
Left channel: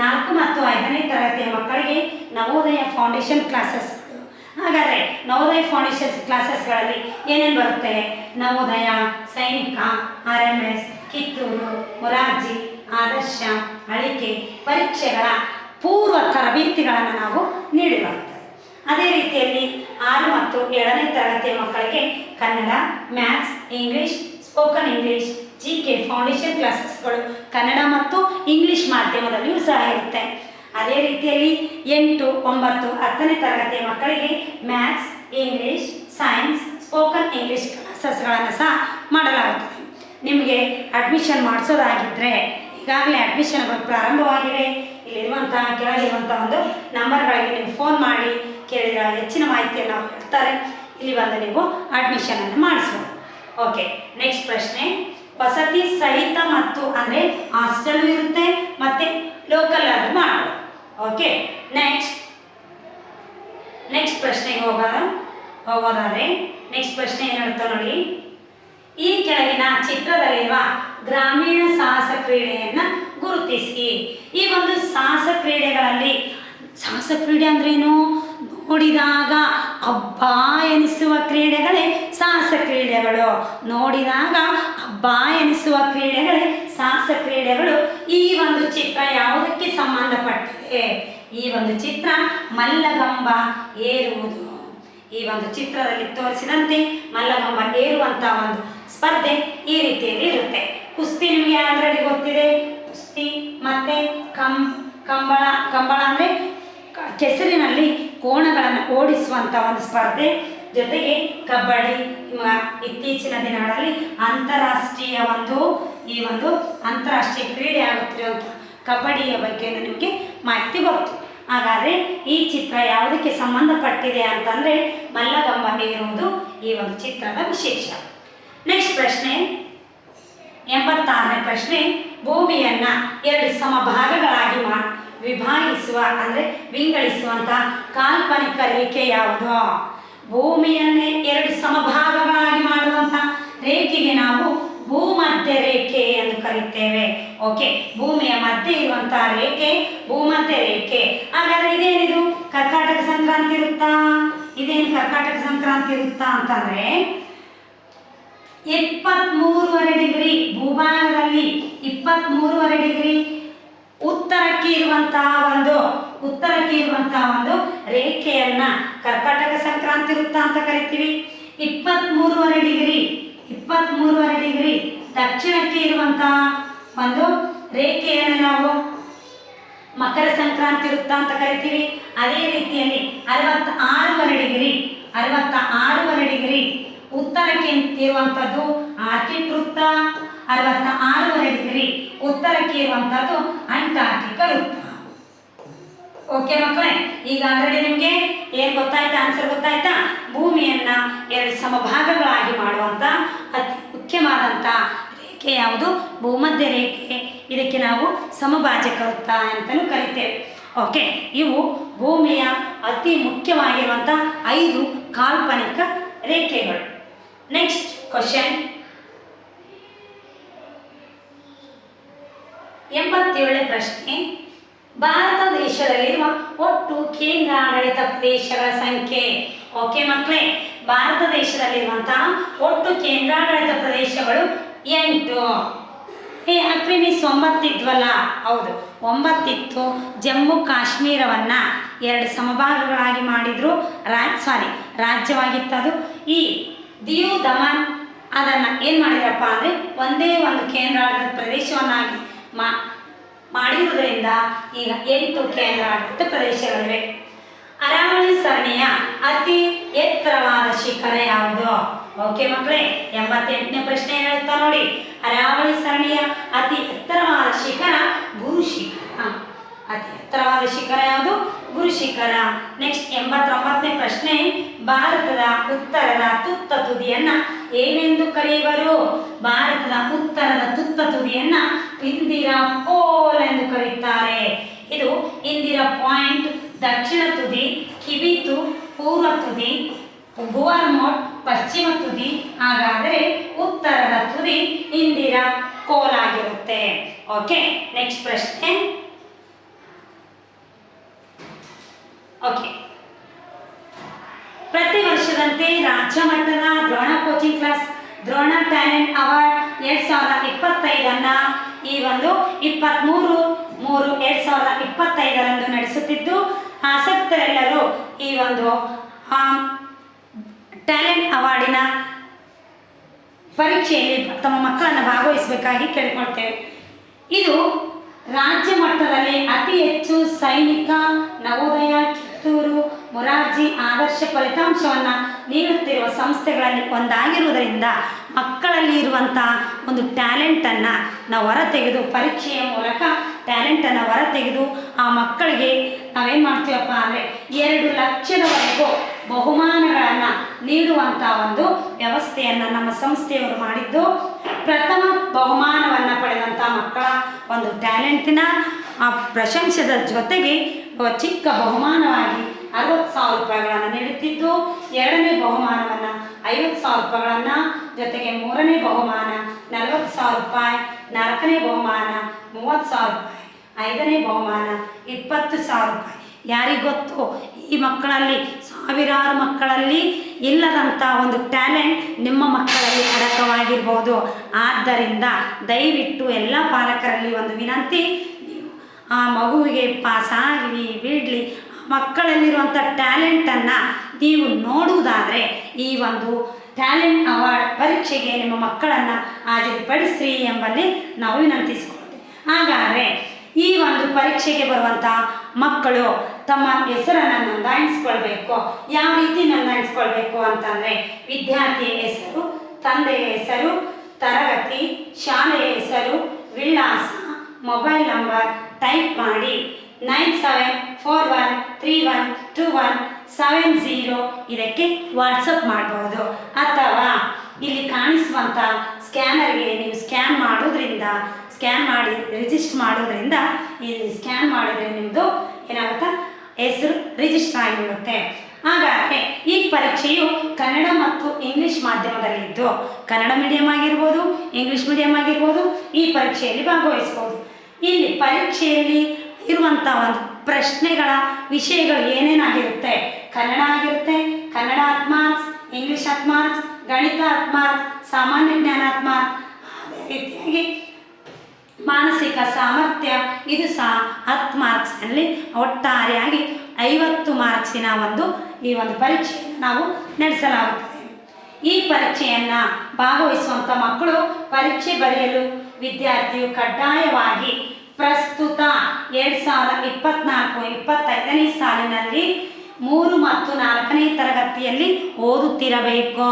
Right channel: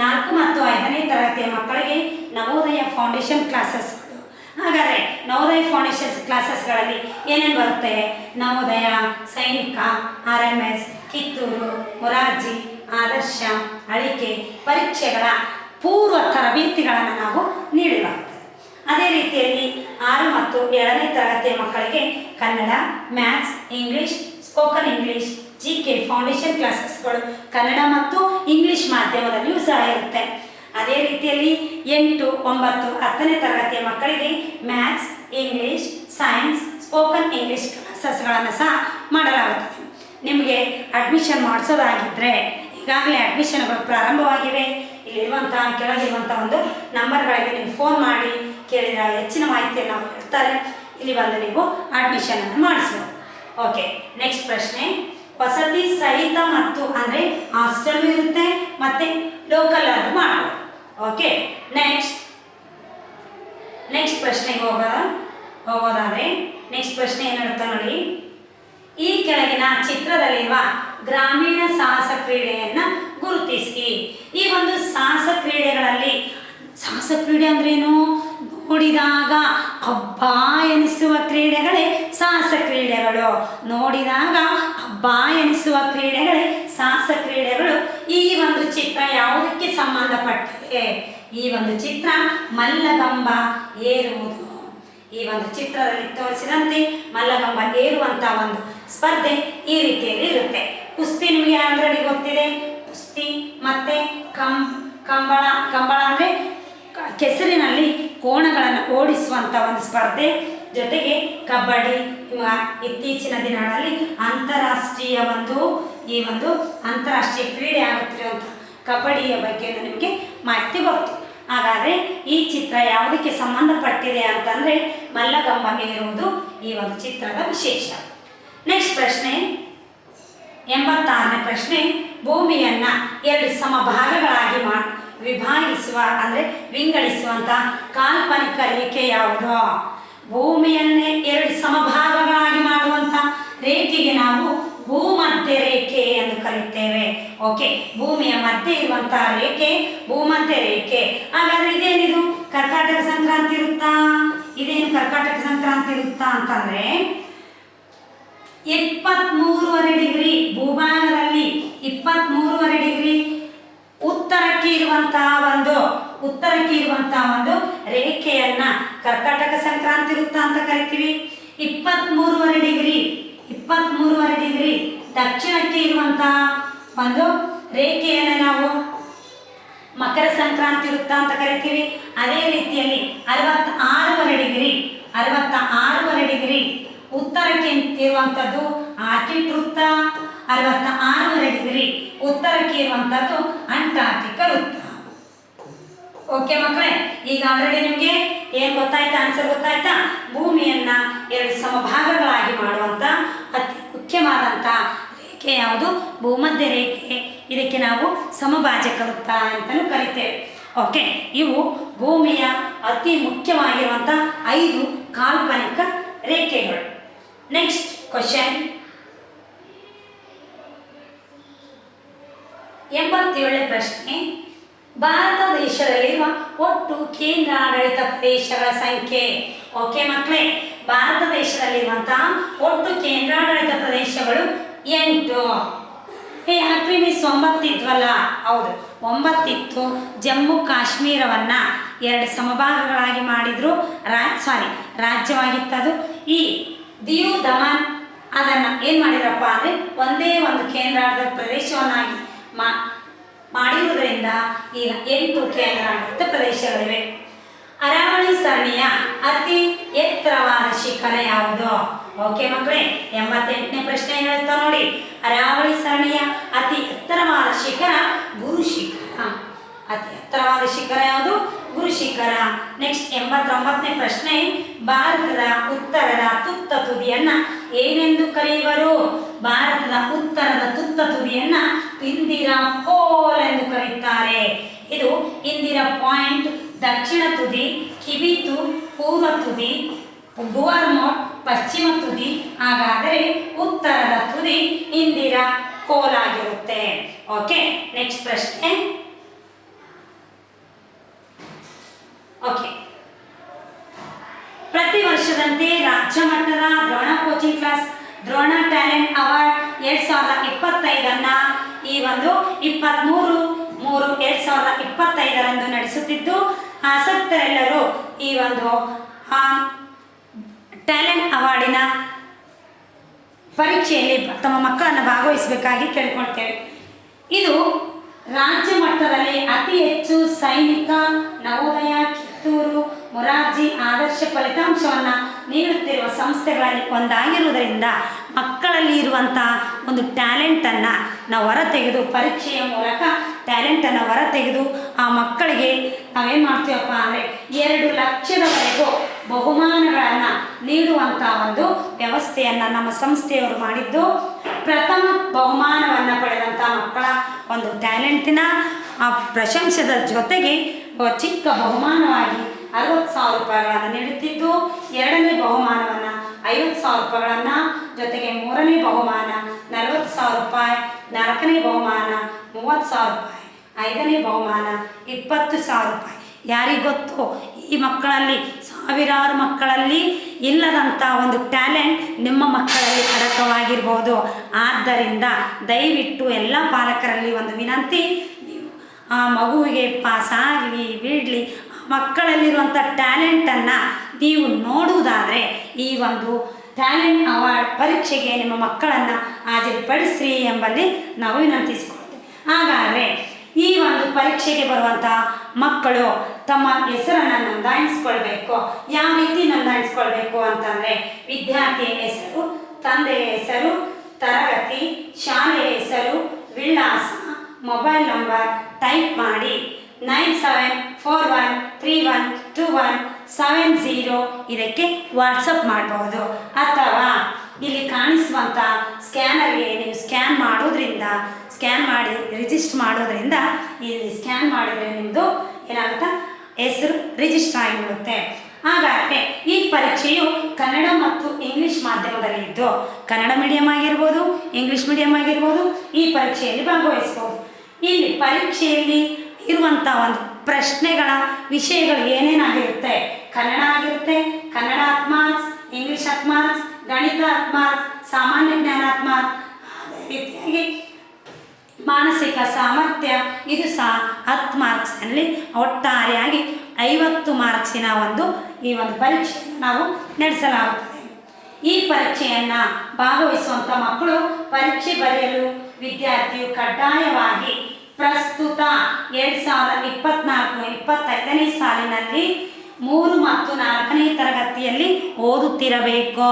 ನಾಲ್ಕು ಮತ್ತು ಐದನೇ ತರಗತಿಯ ಮಕ್ಕಳಿಗೆ ನವೋದಯ ಫೌಂಡೇಶನ್ ಕ್ಲಾಸಸ್ ಹಾಗಾದರೆ ನವೋದಯ ಫೌಂಡೇಶನ್ ಕ್ಲಾಸಸ್ಗಳಲ್ಲಿ ಏನೇನು ಬರುತ್ತೆ? Navodaya, Sainik, R M S, Kittur, Morarji, Adarsha, Alike, ಪರೀಕ್ಷೆಗಳ ಪೂರ್ವ ತರಬೇತಿಗಳನ್ನು ನಾವು ನೀಡಲಾಗ್ತದೆ. ಅದೇ ರೀತಿಯಲ್ಲಿ ಆರು ಮತ್ತು ಏಳನೇ ತರಗತಿಯ ಮಕ್ಕಳಿಗೆ Kannada, maths, English, spoken English G K foundation ಕ್ಲಾಸಸ್ಗಳು Kannada ಮತ್ತು ಇಂಗ್ಲಿಷ್ ಮಾಧ್ಯಮದಲ್ಲಿಯೂ ಸಹ ಇರುತ್ತೆ ಅದೇ ರೀತಿಯಲ್ಲಿ ಎಂಟು, ಒಂಬತ್ತು, ಹತ್ತನೇ ತರಗತಿಯ ಮಕ್ಕಳಿಗೆ maths English science spoken English ಕ್ಲಾಸಸ್ಗಳನ್ನು ಸಹ ಮಾಡಲಾಗುತ್ತದೆ. ನಿಮಗೆ ಅಡ್ಮಿಷನ್ ಮಾಡಿಸೋದಾಗಿದ್ದರೆ ಈಗಾಗಲೇ ಅಡ್ಮಿಷನ್ಗಳು ಪ್ರಾರಂಭವಾಗಿವೆ. ಇಲ್ಲಿರುವಂಥ ಕೆಳಗಿರುವಂಥ ಒಂದು ನಂಬರ್ಗಳಿಗೆ ನೀವು ಫೋನ್ ಮಾಡಿ ಕೇಳಿದ ಹೆಚ್ಚಿನ ಮಾಹಿತಿಯನ್ನು ಹೇಳ್ತಾರೆ. ಇಲ್ಲಿ ಬಂದು ನೀವು ಅಡ್ಮಿಷನನ್ನು ಮಾಡಿಸ್ಬೋದು ಓಕೆ ನೆಕ್ಸ್ಟ್ ಪ್ರಶ್ನೆ. ವಸತಿ ಸಹಿತ ಮತ್ತು ಅಂದರೆ ಹಾಸ್ಟೆಲ್ ಇರುತ್ತೆ ಮತ್ತೆ ಲೋಕಲ್ ಆಗಿ ಮಾಡಬಹುದು ಓಕೆ ನೆಕ್ಸ್ಟ್ ನೆಕ್ಸ್ಟ್ ಪ್ರಶ್ನೆಗೆ ಹೋಗೋದ ಹೋಗೋದಾದ್ರೆ ನೆಕ್ಸ್ಟ್ ಪ್ರಶ್ನೆ ಏನಿರುತ್ತೆ ನೋಡಿ. ಈ ಕೆಳಗಿನ ಚಿತ್ರದಲ್ಲಿರುವ ಗ್ರಾಮೀಣ ಸಾಹಸ ಕ್ರೀಡೆಯನ್ನ ಗುರುತಿಸಿ. ಈ ಒಂದು ಸಾಹಸ ಕ್ರೀಡೆಗಳಲ್ಲಿ, ಸಾಹಸ ಕ್ರೀಡೆ ಅಂದ್ರೇನು? ನೋಡಿದಾಗ ಹಬ್ಬ ಎನಿಸುವ ಕ್ರೀಡೆಗಳೇ ಸಾಹಸ ಕ್ರೀಡೆಗಳು. ನೋಡಿದಾಗ ಹಬ್ಬ ಎನಿಸುವ ಕ್ರೀಡೆಗಳೇ ಸಾಹಸ ಕ್ರೀಡೆಗಳು. ಈ ಒಂದು ಚಿತ್ರ ಯಾವುದಕ್ಕೆ ಸಂಬಂಧಪಟ್ಟಿದೆ? ಈ ಒಂದು ಚಿತ್ರ ಮಲ್ಲಗಂಬ ಏರುವುದು. ಈ ಒಂದು ಚಿತ್ರದಲ್ಲಿ ತೋರಿಸಿದಂತೆ ಮಲ್ಲಗಂಬ ಏರುವಂತ ಒಂದು ಸ್ಪರ್ಧೆ ಈ ರೀತಿಯಲ್ಲಿ ಇರುತ್ತೆ. ಕುಸ್ತಿ ನಿಮಗೆ ಆಲ್ರೆಡಿ ಗೊತ್ತಿದೆ. ಕುಸ್ತಿ ಮತ್ತೆ ಕಂ ಕಂಬಳ ಕಂಬಳ ಅಂದರೆ ಕೆಸರಿನಲ್ಲಿ ಕೋಣಗಳನ್ನು ಓಡಿಸುವಂಥ ಒಂದು ಸ್ಪರ್ಧೆ. ಜೊತೆಗೆ ಕಬಡ್ಡಿ ಇತ್ತೀಚಿನ ದಿನಗಳಲ್ಲಿ ಅಂತಾರಾಷ್ಟ್ರೀಯ ಒಂದು, ಈ ಒಂದು ಅಂತಾರಾಷ್ಟ್ರೀಯ ಕ್ರೀಡೆ ಆಗುತ್ತಿರುವಂಥ ಕಬಡ್ಡಿಯ ಬಗ್ಗೆ ನಿಮಗೆ ಮಾಹಿತಿ ಗೊತ್ತು. ಹಾಗಾದರೆ ಈ ಚಿತ್ರ ಯಾವುದಕ್ಕೆ ಸಂಬಂಧಪಟ್ಟಿದೆ ಅಂತಂದರೆ ಮಲ್ಲಗಂಬ ಇರುವುದು ಈ ಒಂದು ಚಿತ್ರದ ವಿಶೇಷ. ನೆಕ್ಸ್ಟ್ ಪ್ರಶ್ನೆ. ಎಂಬತ್ತಾರನೇ ಪ್ರಶ್ನೆ, ಭೂಮಿಯನ್ನು ಎರಡು ಸಮಭಾಗಗಳಾಗಿ ಮಾ ವಿಭಾಗಿಸುವ ಅಂದರೆ ವಿಂಗಡಿಸುವಂಥ ಕಾಲ್ಪನಿಕ ರೇಖೆ ಯಾವುದು? ಭೂಮಿಯನ್ನೇ ಎರಡು ಸಮಭಾಗಗಳಾಗಿ ಮಾಡುವಂಥ ರೇಖೆಗೆ ನಾವು ಭೂಮಧ್ಯ ರೇಖೆ ಎಂದು ಕರೆಯುತ್ತೇವೆ. ಓಕೆ ಭೂಮಿಯ ಮಧ್ಯೆ ಇರುವಂತಹ ರೇಖೆ, ಭೂಮಧ್ಯ ರೇಖೆ. ಹಾಗಾದ್ರೆ ಇದೇನಿದು? ಕರ್ಕಾಟಕ ಸಂಕ್ರಾಂತಿ ಇರುತ್ತಾ? ಇದೇನು ಕರ್ಕಾಟಕ ಸಂಕ್ರಾಂತಿ ಇರುತ್ತಾ ಅಂತಂದ್ರೆ ಎಪ್ಪತ್ಮೂರುವರೆ ಡಿಗ್ರಿ ಭೂಭಾಗದಲ್ಲಿ ಇಪ್ಪತ್ಮೂರುವರೆ ಡಿಗ್ರಿ ಇರುವಂತಹ ಒಂದು ಉತ್ತರಕ್ಕೆ ಇರುವಂತಹ ಒಂದು ರೇಖೆಯನ್ನ ಕರ್ಕಾಟಕ ಸಂಕ್ರಾಂತಿ ವೃತ್ತ ಅಂತ ಕರಿತೀವಿ. ಇಪ್ಪತ್ಮೂರುವರೆ ಡಿಗ್ರಿ ಇಪ್ಪತ್ಮೂರುವರೆ ಡಿಗ್ರಿ ದಕ್ಷಿಣಕ್ಕೆ ಇರುವಂತಹ ಒಂದು ರೇಖೆಯನ್ನು ನಾವು ಮಕರ ಸಂಕ್ರಾಂತಿ ವೃತ್ತ ಅಂತ ಕರಿತೀವಿ. ಅದೇ ರೀತಿಯಲ್ಲಿ ಅರವತ್ತ ಆರೂವರೆ ಡಿಗ್ರಿ ಅರವತ್ತ ಆರೂವರೆ ಡಿಗ್ರಿ ಉತ್ತರಕ್ಕೆ ಇರುವಂಥದ್ದು ಆರ್ಕಿಡ್ ವೃತ್ತ. ಅರವತ್ತ ಆರೂವರೆ ಡಿಗ್ರಿ ಉತ್ತರಕ್ಕೆ ಇರುವಂಥದ್ದು ಅಂಟಾರ್ಟಿಕ ವೃತ್ತ. ಓಕೆ ಮಕ್ಕಳೇ, ಈಗ ಆಲ್ರೆಡಿ ನಿಮಗೆ ಏನು ಗೊತ್ತಾಯ್ತಾ ಆನ್ಸರ್ ಗೊತ್ತಾಯ್ತಾ? ಭೂಮಿಯನ್ನ ಎರಡು ಸಮಭಾಗಗಳಾಗಿ ಮಾಡುವಂಥ ಅತಿ ಮುಖ್ಯವಾದಂಥ ರೇಖೆ ಯಾವುದು? ಭೂಮಧ್ಯ ರೇಖೆ. ಇದಕ್ಕೆ ನಾವು ಸಮಭಾಜಕ ವೃತ್ತ ಅಂತಲೂ ಕರಿತೇವೆ. ಓಕೆ ಇವು ಭೂಮಿಯ ಅತಿ ಮುಖ್ಯವಾಗಿರುವಂಥ ಐದು ಕಾಲ್ಪನಿಕ ರೇಖೆಗಳು. ನೆಕ್ಸ್ಟ್ ಕ್ವಶನ್ ಎಂಬತ್ತೇಳನೇ ಪ್ರಶ್ನೆ. ಭಾರತ ದೇಶದಲ್ಲಿರುವ ಒಟ್ಟು ಕೇಂದ್ರಾಡಳಿತ ಪ್ರದೇಶಗಳ ಸಂಖ್ಯೆ. ಓಕೆ ಮಕ್ಕಳೇ ಭಾರತ ದೇಶದಲ್ಲಿರುವಂತಹ ಒಟ್ಟು ಕೇಂದ್ರಾಡಳಿತ ಪ್ರದೇಶಗಳು ಎಂಟು. ಏ ಮಿಸ್ ಒಂಬತ್ತಿದ್ವಲ್ಲ ಹೌದು, ಒಂಬತ್ತಿತ್ತು. ಜಮ್ಮು, ಕಾಶ್ಮೀರವನ್ನ ಎರಡು ಸಮಭಾಗಗಳಾಗಿ ಮಾಡಿದ್ರು. ರಾಜ್ ಸಾರಿ ರಾಜ್ಯವಾಗಿತ್ತದು. ಈ ದಿಯು ದಮನ್ ಅದನ್ನು ಏನು ಮಾಡಿದ್ರಪ್ಪ ಅಂದರೆ ಒಂದೇ ಒಂದು ಕೇಂದ್ರಾಡಳಿತ ಪ್ರದೇಶವನ್ನಾಗಿ ಮಾ, ಮಾಡಿರುವುದರಿಂದ ಈಗ ಎಂಟು ಕೇಂದ್ರಾಡಳಿತ ಪ್ರದೇಶಗಳಿವೆ. ಅರಾವಳಿ ಸರಣಿಯ ಅತಿ ಎತ್ತರವಾದ ಶಿಖರ ಯಾವುದು? ಓಕೆ ಮಕ್ಕಳೇ, ಎಂಬತ್ತೆಂಟನೇ ಪ್ರಶ್ನೆ ಹೇಳುತ್ತಾ ನೋಡಿ. ಅರಾವಳಿ ಸರಣಿಯ ಅತಿ ಎತ್ತರವಾದ ಶಿಖರ ಗುರು ಶಿಖರ ಅತಿ ಎತ್ತರವಾದ ಶಿಖರ ಯಾವುದು? ಗುರು ಶಿಖರ. ನೆಕ್ಸ್ಟ್ ಎಂಬತ್ತೊಂಬತ್ತನೇ ಪ್ರಶ್ನೆ. ಭಾರತದ ಉತ್ತರದ ತುತ್ತ ತುದಿಯನ್ನ ಏನೆಂದು ಕರೆಯುವರು? ಭಾರತದ ಉತ್ತರದ ತುತ್ತ ತುದಿಯನ್ನ ಇಂದಿರಾ ಕೋಲ್ ಎಂದು ಕರೆಯುತ್ತಾರೆ ಇದು ಇಂದಿರಾ ಪಾಯಿಂಟ್, ದಕ್ಷಿಣ ತುದಿ ಕಿವಿತು ಪೂರ್ವ ತುದಿ ಗುವರ್ಮೋಟ್ ಪಶ್ಚಿಮ ತುದಿ, ಹಾಗಾದರೆ ಉತ್ತರದ ತುದಿ ಇಂದಿರಾ ಕೋಲಾಗಿರುತ್ತೆ ಓಕೆ ನೆಕ್ಸ್ಟ್ ಪ್ರಶ್ನೆ. ಪ್ರತಿ ವರ್ಷದಂತೆ ರಾಜ್ಯ ಮಟ್ಟದ Drona coaching class, Drona talent award ಎರಡ್ ಸಾವಿರದ ಇಪ್ಪತ್ತೈದನ್ನು ಈ ಒಂದು ಇಪ್ಪತ್ತ್ಮೂರು ಮೂರು ಎರಡ್ ಸಾವಿರದ ಇಪ್ಪತ್ತೈದರಂದು ನಡೆಸುತ್ತಿದ್ದು, ಆಸಕ್ತರೆಲ್ಲರೂ ಈ ಒಂದು ಟ್ಯಾಲೆಂಟ್ ಅವಾರ್ಡಿನ ಪರೀಕ್ಷೆಯಲ್ಲಿ ತಮ್ಮ ಮಕ್ಕಳನ್ನು ಭಾಗವಹಿಸಬೇಕಾಗಿ ಕೇಳಿಕೊಳ್ತೇವೆ. ಇದು ರಾಜ್ಯ ಮಟ್ಟದಲ್ಲಿ ಅತಿ ಹೆಚ್ಚು ಸೈನಿಕ ಮೊರಾರ್ಜಿ ಆದರ್ಶ ಫಲಿತಾಂಶವನ್ನು ನೀಡುತ್ತಿರುವ ಸಂಸ್ಥೆಗಳಲ್ಲಿ ಒಂದಾಗಿರುವುದರಿಂದ ಮಕ್ಕಳಲ್ಲಿ ಇರುವಂಥ ಒಂದು ಟ್ಯಾಲೆಂಟನ್ನು ನಾವು ಹೊರತೆಗೆದು ಪರೀಕ್ಷೆಯ ಮೂಲಕ ಟ್ಯಾಲೆಂಟನ್ನು ಹೊರತೆಗೆದು ಆ ಮಕ್ಕಳಿಗೆ ನಾವೇನು ಮಾಡ್ತೀವಪ್ಪ ಅಂದರೆ ಎರಡು ಲಕ್ಷದವರೆಗೂ ಬಹುಮಾನಗಳನ್ನು ನೀಡುವಂಥ ಒಂದು ವ್ಯವಸ್ಥೆಯನ್ನು ನಮ್ಮ ಸಂಸ್ಥೆಯವರು ಮಾಡಿದ್ದು. ಪ್ರಥಮ ಬಹುಮಾನವನ್ನು ಪಡೆದಂಥ ಮಕ್ಕಳ ಒಂದು ಟ್ಯಾಲೆಂಟಿನ ಆ ಪ್ರಶಂಸದ ಜೊತೆಗೆ ಚಿಕ್ಕ ಬಹುಮಾನವಾಗಿ ಅರವತ್ತು ಸಾವಿರ ರೂಪಾಯಿಗಳನ್ನು ನೀಡುತ್ತಿದ್ದು, ಎರಡನೇ ಬಹುಮಾನವನ್ನು ಐವತ್ತು ಸಾವಿರ ರೂಪಾಯಿಗಳನ್ನು, ಜೊತೆಗೆ ಮೂರನೇ ಬಹುಮಾನ ನಲವತ್ತು ಸಾವಿರ ರೂಪಾಯಿ, ನಾಲ್ಕನೇ ಬಹುಮಾನ ಮೂವತ್ತು ಸಾವಿರ ರೂಪಾಯಿ, ಐದನೇ ಬಹುಮಾನ ಇಪ್ಪತ್ತು ಸಾವಿರ ರೂಪಾಯಿ. ಯಾರಿಗೊತ್ತು ಈ ಮಕ್ಕಳಲ್ಲಿ, ಸಾವಿರಾರು ಮಕ್ಕಳಲ್ಲಿ ಇಲ್ಲದಂಥ ಒಂದು ಟ್ಯಾಲೆಂಟ್ ನಿಮ್ಮ ಮಕ್ಕಳಲ್ಲಿ ಅಡಕವಾಗಿರ್ಬೋದು. ಆದ್ದರಿಂದ ದಯವಿಟ್ಟು ಎಲ್ಲ ಪಾಲಕರಲ್ಲಿ ಒಂದು ವಿನಂತಿ ಆ ಮಗುವಿಗೆ ಪಾಸ್ ಆಗಲಿ ಬಿಡಲಿ ಮಕ್ಕಳಲ್ಲಿರುವಂಥ ಟ್ಯಾಲೆಂಟನ್ನು ನೀವು ನೋಡುವುದಾದರೆ ಈ ಒಂದು ಟ್ಯಾಲೆಂಟ್ ಅವಾರ್ಡ್ ಪರೀಕ್ಷೆಗೆ ನಿಮ್ಮ ಮಕ್ಕಳನ್ನು ಹಾಜರುಪಡಿಸ್ರಿ ಎಂಬಲ್ಲಿ ನಾವು ವಿನಂತಿಸಿಕೊಳ್ತೇವೆ ಹಾಗಾದರೆ ಈ ಒಂದು ಪರೀಕ್ಷೆಗೆ ಬರುವಂಥ ಮಕ್ಕಳು ತಮ್ಮ ಹೆಸರನ್ನು ನೋಂದಾಯಿಸ್ಕೊಳ್ಬೇಕು. ಯಾವ ರೀತಿ ನೋಂದಾಯಿಸ್ಕೊಳ್ಬೇಕು ಅಂತಂದರೆ ವಿದ್ಯಾರ್ಥಿಯ ಹೆಸರು, ತಂದೆಯ ಹೆಸರು, ತರಗತಿ, ಶಾಲೆಯ ಹೆಸರು, ವಿಳಾಸ, ಮೊಬೈಲ್ ನಂಬರ್ ಟೈಪ್ ಮಾಡಿ nine seven four one three one two one seven zero ಇದಕ್ಕೆ ವಾಟ್ಸಪ್ ಮಾಡ್ಬೋದು. ಅಥವಾ ಇಲ್ಲಿ ಕಾಣಿಸುವಂಥ ಸ್ಕ್ಯಾನರ್ಗೆ ನೀವು ಸ್ಕ್ಯಾನ್ ಮಾಡೋದ್ರಿಂದ, ಸ್ಕ್ಯಾನ್ ಮಾಡಿ ರಿಜಿಸ್ಟರ್ ಮಾಡೋದ್ರಿಂದ ಇಲ್ಲಿ ಸ್ಕ್ಯಾನ್ ಮಾಡಿದರೆ ನಿಮ್ಮದು ಏನಾಗುತ್ತೆ? ಹೆಸರು ರಿಜಿಸ್ಟರ್ ಆಗಿಬಿಡುತ್ತೆ. ಹಾಗಾದರೆ ಈ ಪರೀಕ್ಷೆಯು ಕನ್ನಡ ಮತ್ತು ಇಂಗ್ಲಿಷ್ ಮಾಧ್ಯಮದಲ್ಲಿದ್ದು ಕನ್ನಡ ಮೀಡಿಯಂ ಆಗಿರ್ಬೋದು, ಇಂಗ್ಲಿಷ್ ಮೀಡಿಯಂ ಆಗಿರ್ಬೋದು, ಈ ಪರೀಕ್ಷೆಯಲ್ಲಿ ಭಾಗವಹಿಸ್ಬೋದು. ಇಲ್ಲಿ ಪರೀಕ್ಷೆಯಲ್ಲಿ ಇರುವಂಥ ಒಂದು ಪ್ರಶ್ನೆಗಳ ವಿಷಯಗಳು ಏನೇನಾಗಿರುತ್ತೆ ಕನ್ನಡ ಆಗಿರುತ್ತೆ, ಕನ್ನಡ ಆತ್ಮಾರ್ಕ್ಸ್ ಮಾರ್ಕ್ಸ್ ಇಂಗ್ಲಿಷ್ ಮಾರ್ಕ್ಸ್ ಗಣಿತ ಹತ್ತು ಸಾಮಾನ್ಯ ಜ್ಞಾನ ಹತ್ತು ಅದೇ ರೀತಿಯಾಗಿ ಮಾನಸಿಕ ಸಾಮರ್ಥ್ಯ, ಇದು ಸಹ ಹತ್ತು ಮಾರ್ಕ್ಸ್ನಲ್ಲಿ ಒಟ್ಟಾರೆಯಾಗಿ ಐವತ್ತು ಮಾರ್ಕ್ಸಿನ ಒಂದು ಈ ಒಂದು ಪರೀಕ್ಷೆಯನ್ನು ನಾವು ನಡೆಸಲಾಗುತ್ತದೆ. ಈ ಪರೀಕ್ಷೆಯನ್ನು ಭಾಗವಹಿಸುವಂಥ ಮಕ್ಕಳು ಪರೀಕ್ಷೆ ಬರೆಯಲು ವಿದ್ಯಾರ್ಥಿಯು ಕಡ್ಡಾಯವಾಗಿ ಪ್ರಸ್ತುತ ಎರಡು ಸಾವಿರದ ಇಪ್ಪತ್ನಾಲ್ಕು ಇಪ್ಪತ್ತೈದನೇ ಸಾಲಿನಲ್ಲಿ ಮೂರು ಮತ್ತು ನಾಲ್ಕನೇ ತರಗತಿಯಲ್ಲಿ ಓದುತ್ತಿರಬೇಕು.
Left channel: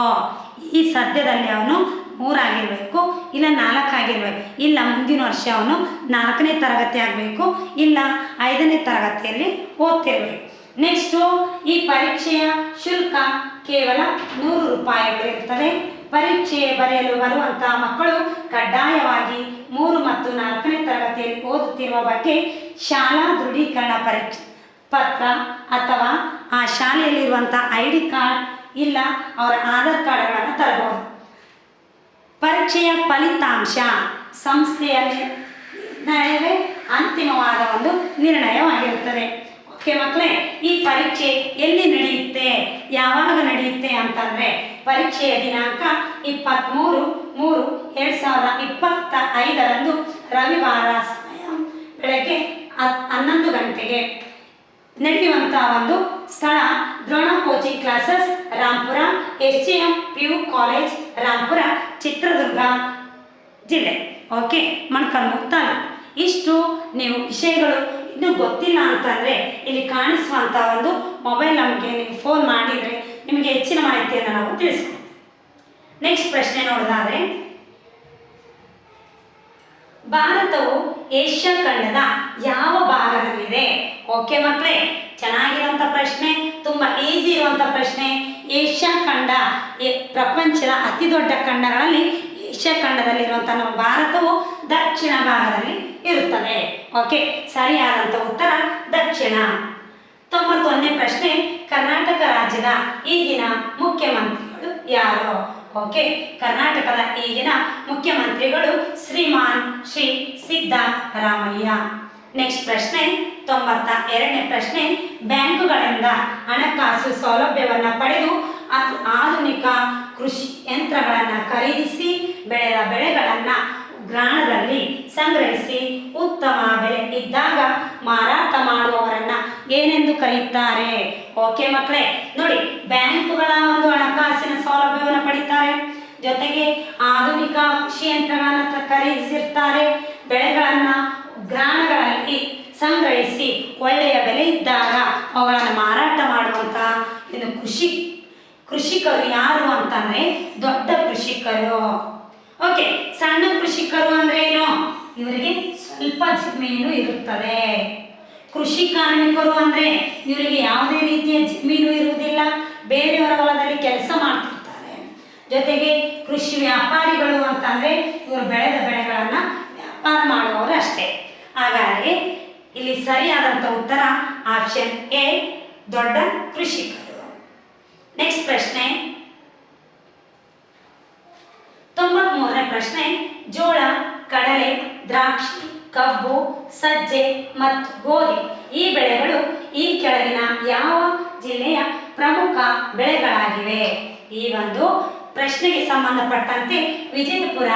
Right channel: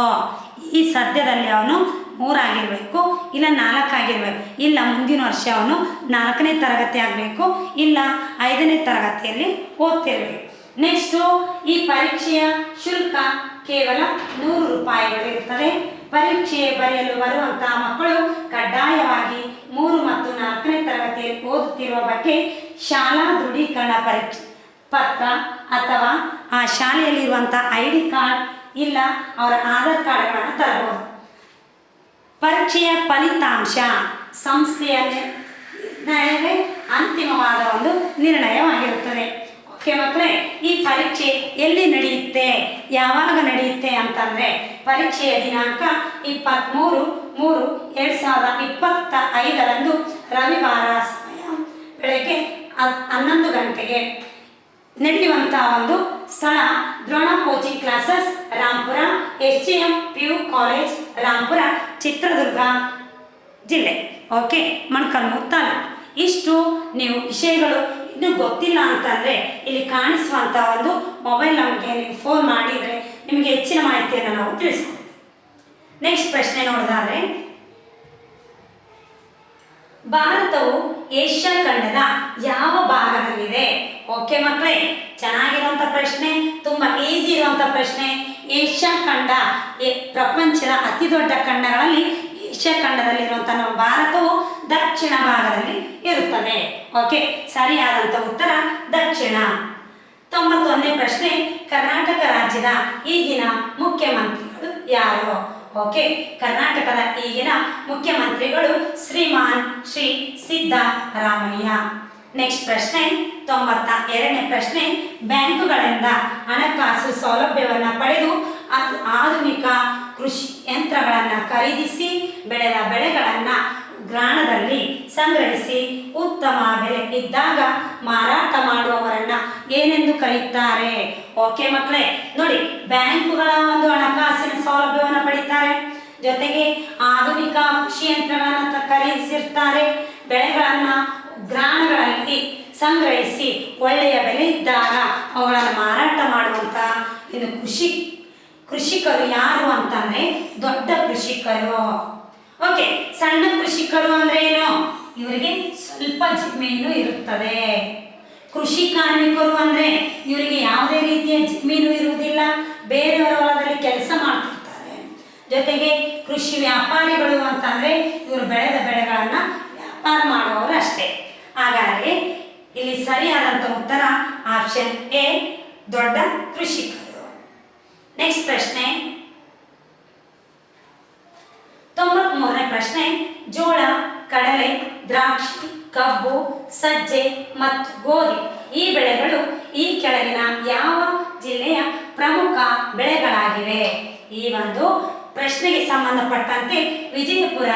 ಈ ಸದ್ಯದಲ್ಲಿ ಅವನು ಮೂರಾಗಿರಬೇಕು, ಇಲ್ಲ ನಾಲ್ಕಾಗಿರಬೇಕು, ಇಲ್ಲ ಮುಂದಿನ ವರ್ಷ ಅವನು ನಾಲ್ಕನೇ ತರಗತಿ ಆಗಬೇಕು, ಇಲ್ಲ ಐದನೇ ತರಗತಿಯಲ್ಲಿ ಓದ್ತಿರ್ಬೇಕು. ನೆಕ್ಸ್ಟು ಈ ಪರೀಕ್ಷೆಯ ಶುಲ್ಕ ಕೇವಲ ನೂರು ರೂಪಾಯಿಗಳು ಇರ್ತದೆ. ಪರೀಕ್ಷೆ ಬರೆಯಲು ಬರುವಂತಹ ಮಕ್ಕಳು ಕಡ್ಡಾಯವಾಗಿ ಮೂರು ಮತ್ತು ನಾಲ್ಕನೇ ತರಗತಿಯಲ್ಲಿ ಓದುತ್ತಿರುವ ಬಗ್ಗೆ ಶಾಲಾ ದೃಢೀಕರಣ ಪರೀಕ್ಷೆ, ಪತ್ರ ಅಥವಾ ಆ ಶಾಲೆಯಲ್ಲಿರುವಂಥ ಐ ಡಿ ಕಾರ್ಡ್ ಇಲ್ಲ, ಅವರ ಆಧಾರ್ ಕಾರ್ಡ್ಗಳನ್ನು ತರಬಹುದು. ಪರೀಕ್ಷೆಯ ಫಲಿತಾಂಶ, ಸಂಸ್ಥೆಯ ನಿರ್ಣಯವೇ ಅಂತಿಮವಾದ ಒಂದು ನಿರ್ಣಯವಾಗಿರುತ್ತದೆ. ಓಕೆ ಮಕ್ಕಳೇ, ಈ ಪರೀಕ್ಷೆ ಎಲ್ಲಿ ನಡೆಯುತ್ತೆ? ಯಾವಾಗ ನಡೆಯುತ್ತೆ ಅಂತಂದರೆ, ಪರೀಕ್ಷೆಯ ದಿನಾಂಕ ಇಪ್ಪತ್ತ್ಮೂರು ಮೂರು ಎರಡು ಸಾವಿರದ ಇಪ್ಪತ್ತ ಐದರಂದು ರವಿವಾರ ಸಮಯ. ಬೆಳಗ್ಗೆ ಹನ್ನೊಂದು ಗಂಟೆಗೆ ನಡೆಯುವಂಥ ಒಂದು ಸ್ಥಳ Drona coaching classes, Rampura S G M P U college, Rampura, Chitradurga ಜಿಲ್ಲೆ. ಓಕೆ ಮಣ್ಕಲ್ಮೂರು ತಾಲೂಕು ಇಷ್ಟು ನೀವು ವಿಷಯಗಳು ಇನ್ನೂ ಗೊತ್ತಿಲ್ಲ ಅಂತಂದರೆ ಇಲ್ಲಿ ಕಾಣಿಸುವಂಥ ಒಂದು ಮೊಬೈಲ್ ನಂಬರ್ಗೆ ನೀವು ಫೋನ್ ಮಾಡಿದರೆ ನಿಮಗೆ ಹೆಚ್ಚಿನ ಮಾಹಿತಿಯನ್ನು ನಾವು ತಿಳಿಸ್ಕೊಡ್ತೀವಿ. ನೆಕ್ಸ್ಟ್ ಪ್ರಶ್ನೆ ನೋಡೋದಾದರೆ, ಭಾರತವು ಏಷ್ಯಾ ಖಂಡದ ಯಾವ ಭಾಗದಲ್ಲಿದೆ? ಓಕೆ ಮಕ್ಕಳೇ ಚೆನ್ನಾಗಿರುವಂಥ ಪ್ರಶ್ನೆ, ತುಂಬ ಈಸಿ ಇರುವಂಥ ಪ್ರಶ್ನೆ. ಏಷ್ಯಾ ಖಂಡ ಪ್ರಪಂಚದ ಅತಿ ದೊಡ್ಡ ಖಂಡಗಳಲ್ಲಿ ಖಂಡದಲ್ಲಿರುವಂಥ ನಮ್ಮ ಭಾರತವು ದಕ್ಷಿಣ ಭಾಗದಲ್ಲಿ ಇರುತ್ತದೆ. ಓಕೆ ಸರಿಯಾದಂಥ ಉತ್ತರ, ದಕ್ಷಿಣ. ತೊಂಬತ್ತೊಂದನೇ ಪ್ರಶ್ನೆ, ಕರ್ನಾಟಕ ರಾಜ್ಯದ ಈಗಿನ ಮುಖ್ಯಮಂತ್ರಿಗಳು ಯಾರು? ಓಕೆ ಕರ್ನಾಟಕದ ಈಗಿನ ಮುಖ್ಯಮಂತ್ರಿಗಳು ಶ್ರೀಮಾನ್ ಶ್ರೀ ಸಿದ್ದರಾಮಯ್ಯ. ನೆಕ್ಸ್ಟ್ ಪ್ರಶ್ನೆ ತೊಂಬತ್ತ ಎರಡನೇ ಪ್ರಶ್ನೆ, ಬ್ಯಾಂಕುಗಳಿಂದ ಹಣಕಾಸು ಸೌಲಭ್ಯವನ್ನು ಪಡೆದು ಆಧುನಿಕ ಕೃಷಿ ಯಂತ್ರಗಳನ್ನು ಖರೀದಿಸಿ, ಬೆಳೆದ ಬೆಳೆಗಳನ್ನು ಗ್ರಾಣದಲ್ಲಿ ಸಂಗ್ರಹಿಸಿ, ಉತ್ತಮ ಬೆಲೆ ಇದ್ದಾಗ ಮಾರಾಟ ಮಾಡುವವರನ್ನ ಏನೆಂದು ಕರೆಯುತ್ತಾರೆ? ಓಕೆ ಮಕ್ಕಳೇ, ನೋಡಿ, ಬ್ಯಾಂಕುಗಳ ಒಂದು ಹಣಕಾಸಿನ ಸೌಲಭ್ಯವನ್ನು ಪಡಿತಾರೆ. ಜೊತೆಗೆ ಆಧುನಿಕ ಕೃಷಿ ಯಂತ್ರಗಳನ್ನು ಖರೀದಿಸಿರ್ತಾರೆ. ಬೆಳೆಗಳನ್ನು ಗ್ರಾಮಗಳಲ್ಲಿ ಸಂಗ್ರಹಿಸಿ ಒಳ್ಳೆಯ ಬೆಲೆ ಇದ್ದಾಗ ಅವುಗಳನ್ನು ಮಾರಾಟ ಮಾಡುವಂಥ ಇದು ಕೃಷಿ, ಕೃಷಿಕರು ಯಾರು ಅಂತಂದ್ರೆ ದೊಡ್ಡ ಕೃಷಿಕರು. ಓಕೆ ಸಣ್ಣ ಕೃಷಿಕರು ಅಂದ್ರೆ ಏನು? ಇವರಿಗೆ ಸ್ವಲ್ಪ ಜಮೀನು ಇರುತ್ತದೆ. ಕೃಷಿ ಕಾರ್ಮಿಕರು ಅಂದ್ರೆ ಇವರಿಗೆ ಯಾವುದೇ ರೀತಿಯ ಜಮೀನು ಇರುವುದಿಲ್ಲ. ಬೇರೆಯವರ ಹೊಲದಲ್ಲಿ ಕೆಲಸ ಮಾಡ್ತಿರ್ತಾರೆ. ಜೊತೆಗೆ ಕೃಷಿ ವ್ಯಾಪಾರಿಗಳು ಅಂತಂದ್ರೆ ಇವರು ಬೆಳೆದ ಬೆಳೆಗಳನ್ನ ವ್ಯಾಪಾರ ಮಾಡುವವರು ಅಷ್ಟೇ. ಹಾಗಾಗಿ ಇಲ್ಲಿ ಸರಿಯಾದಂಥ ಉತ್ತರ ಆಪ್ಷನ್ ಎ ದೊಡ್ಡ ಕೃಷಿಕರು. ನೆಕ್ಸ್ಟ್ ಪ್ರಶ್ನೆ. ತೊಂಬತ್ಮೂರನೇ ಪ್ರಶ್ನೆ, ಜೋಳ, ಕಡಲೆ, ದ್ರಾಕ್ಷಿ, ಕಬ್ಬು, ಸಜ್ಜೆ ಮತ್ತು ಗೋಧಿ ಈ ಬೆಳೆಗಳು ಈ ಕೆಳಗಿನ ಯಾವ ಜಿಲ್ಲೆಯ ಪ್ರಮುಖ ಬೆಳೆಗಳಾಗಿವೆ? ಈ ಒಂದು ಪ್ರಶ್ನೆಗೆ ಸಂಬಂಧಪಟ್ಟಂತೆ ವಿಜಯಪುರ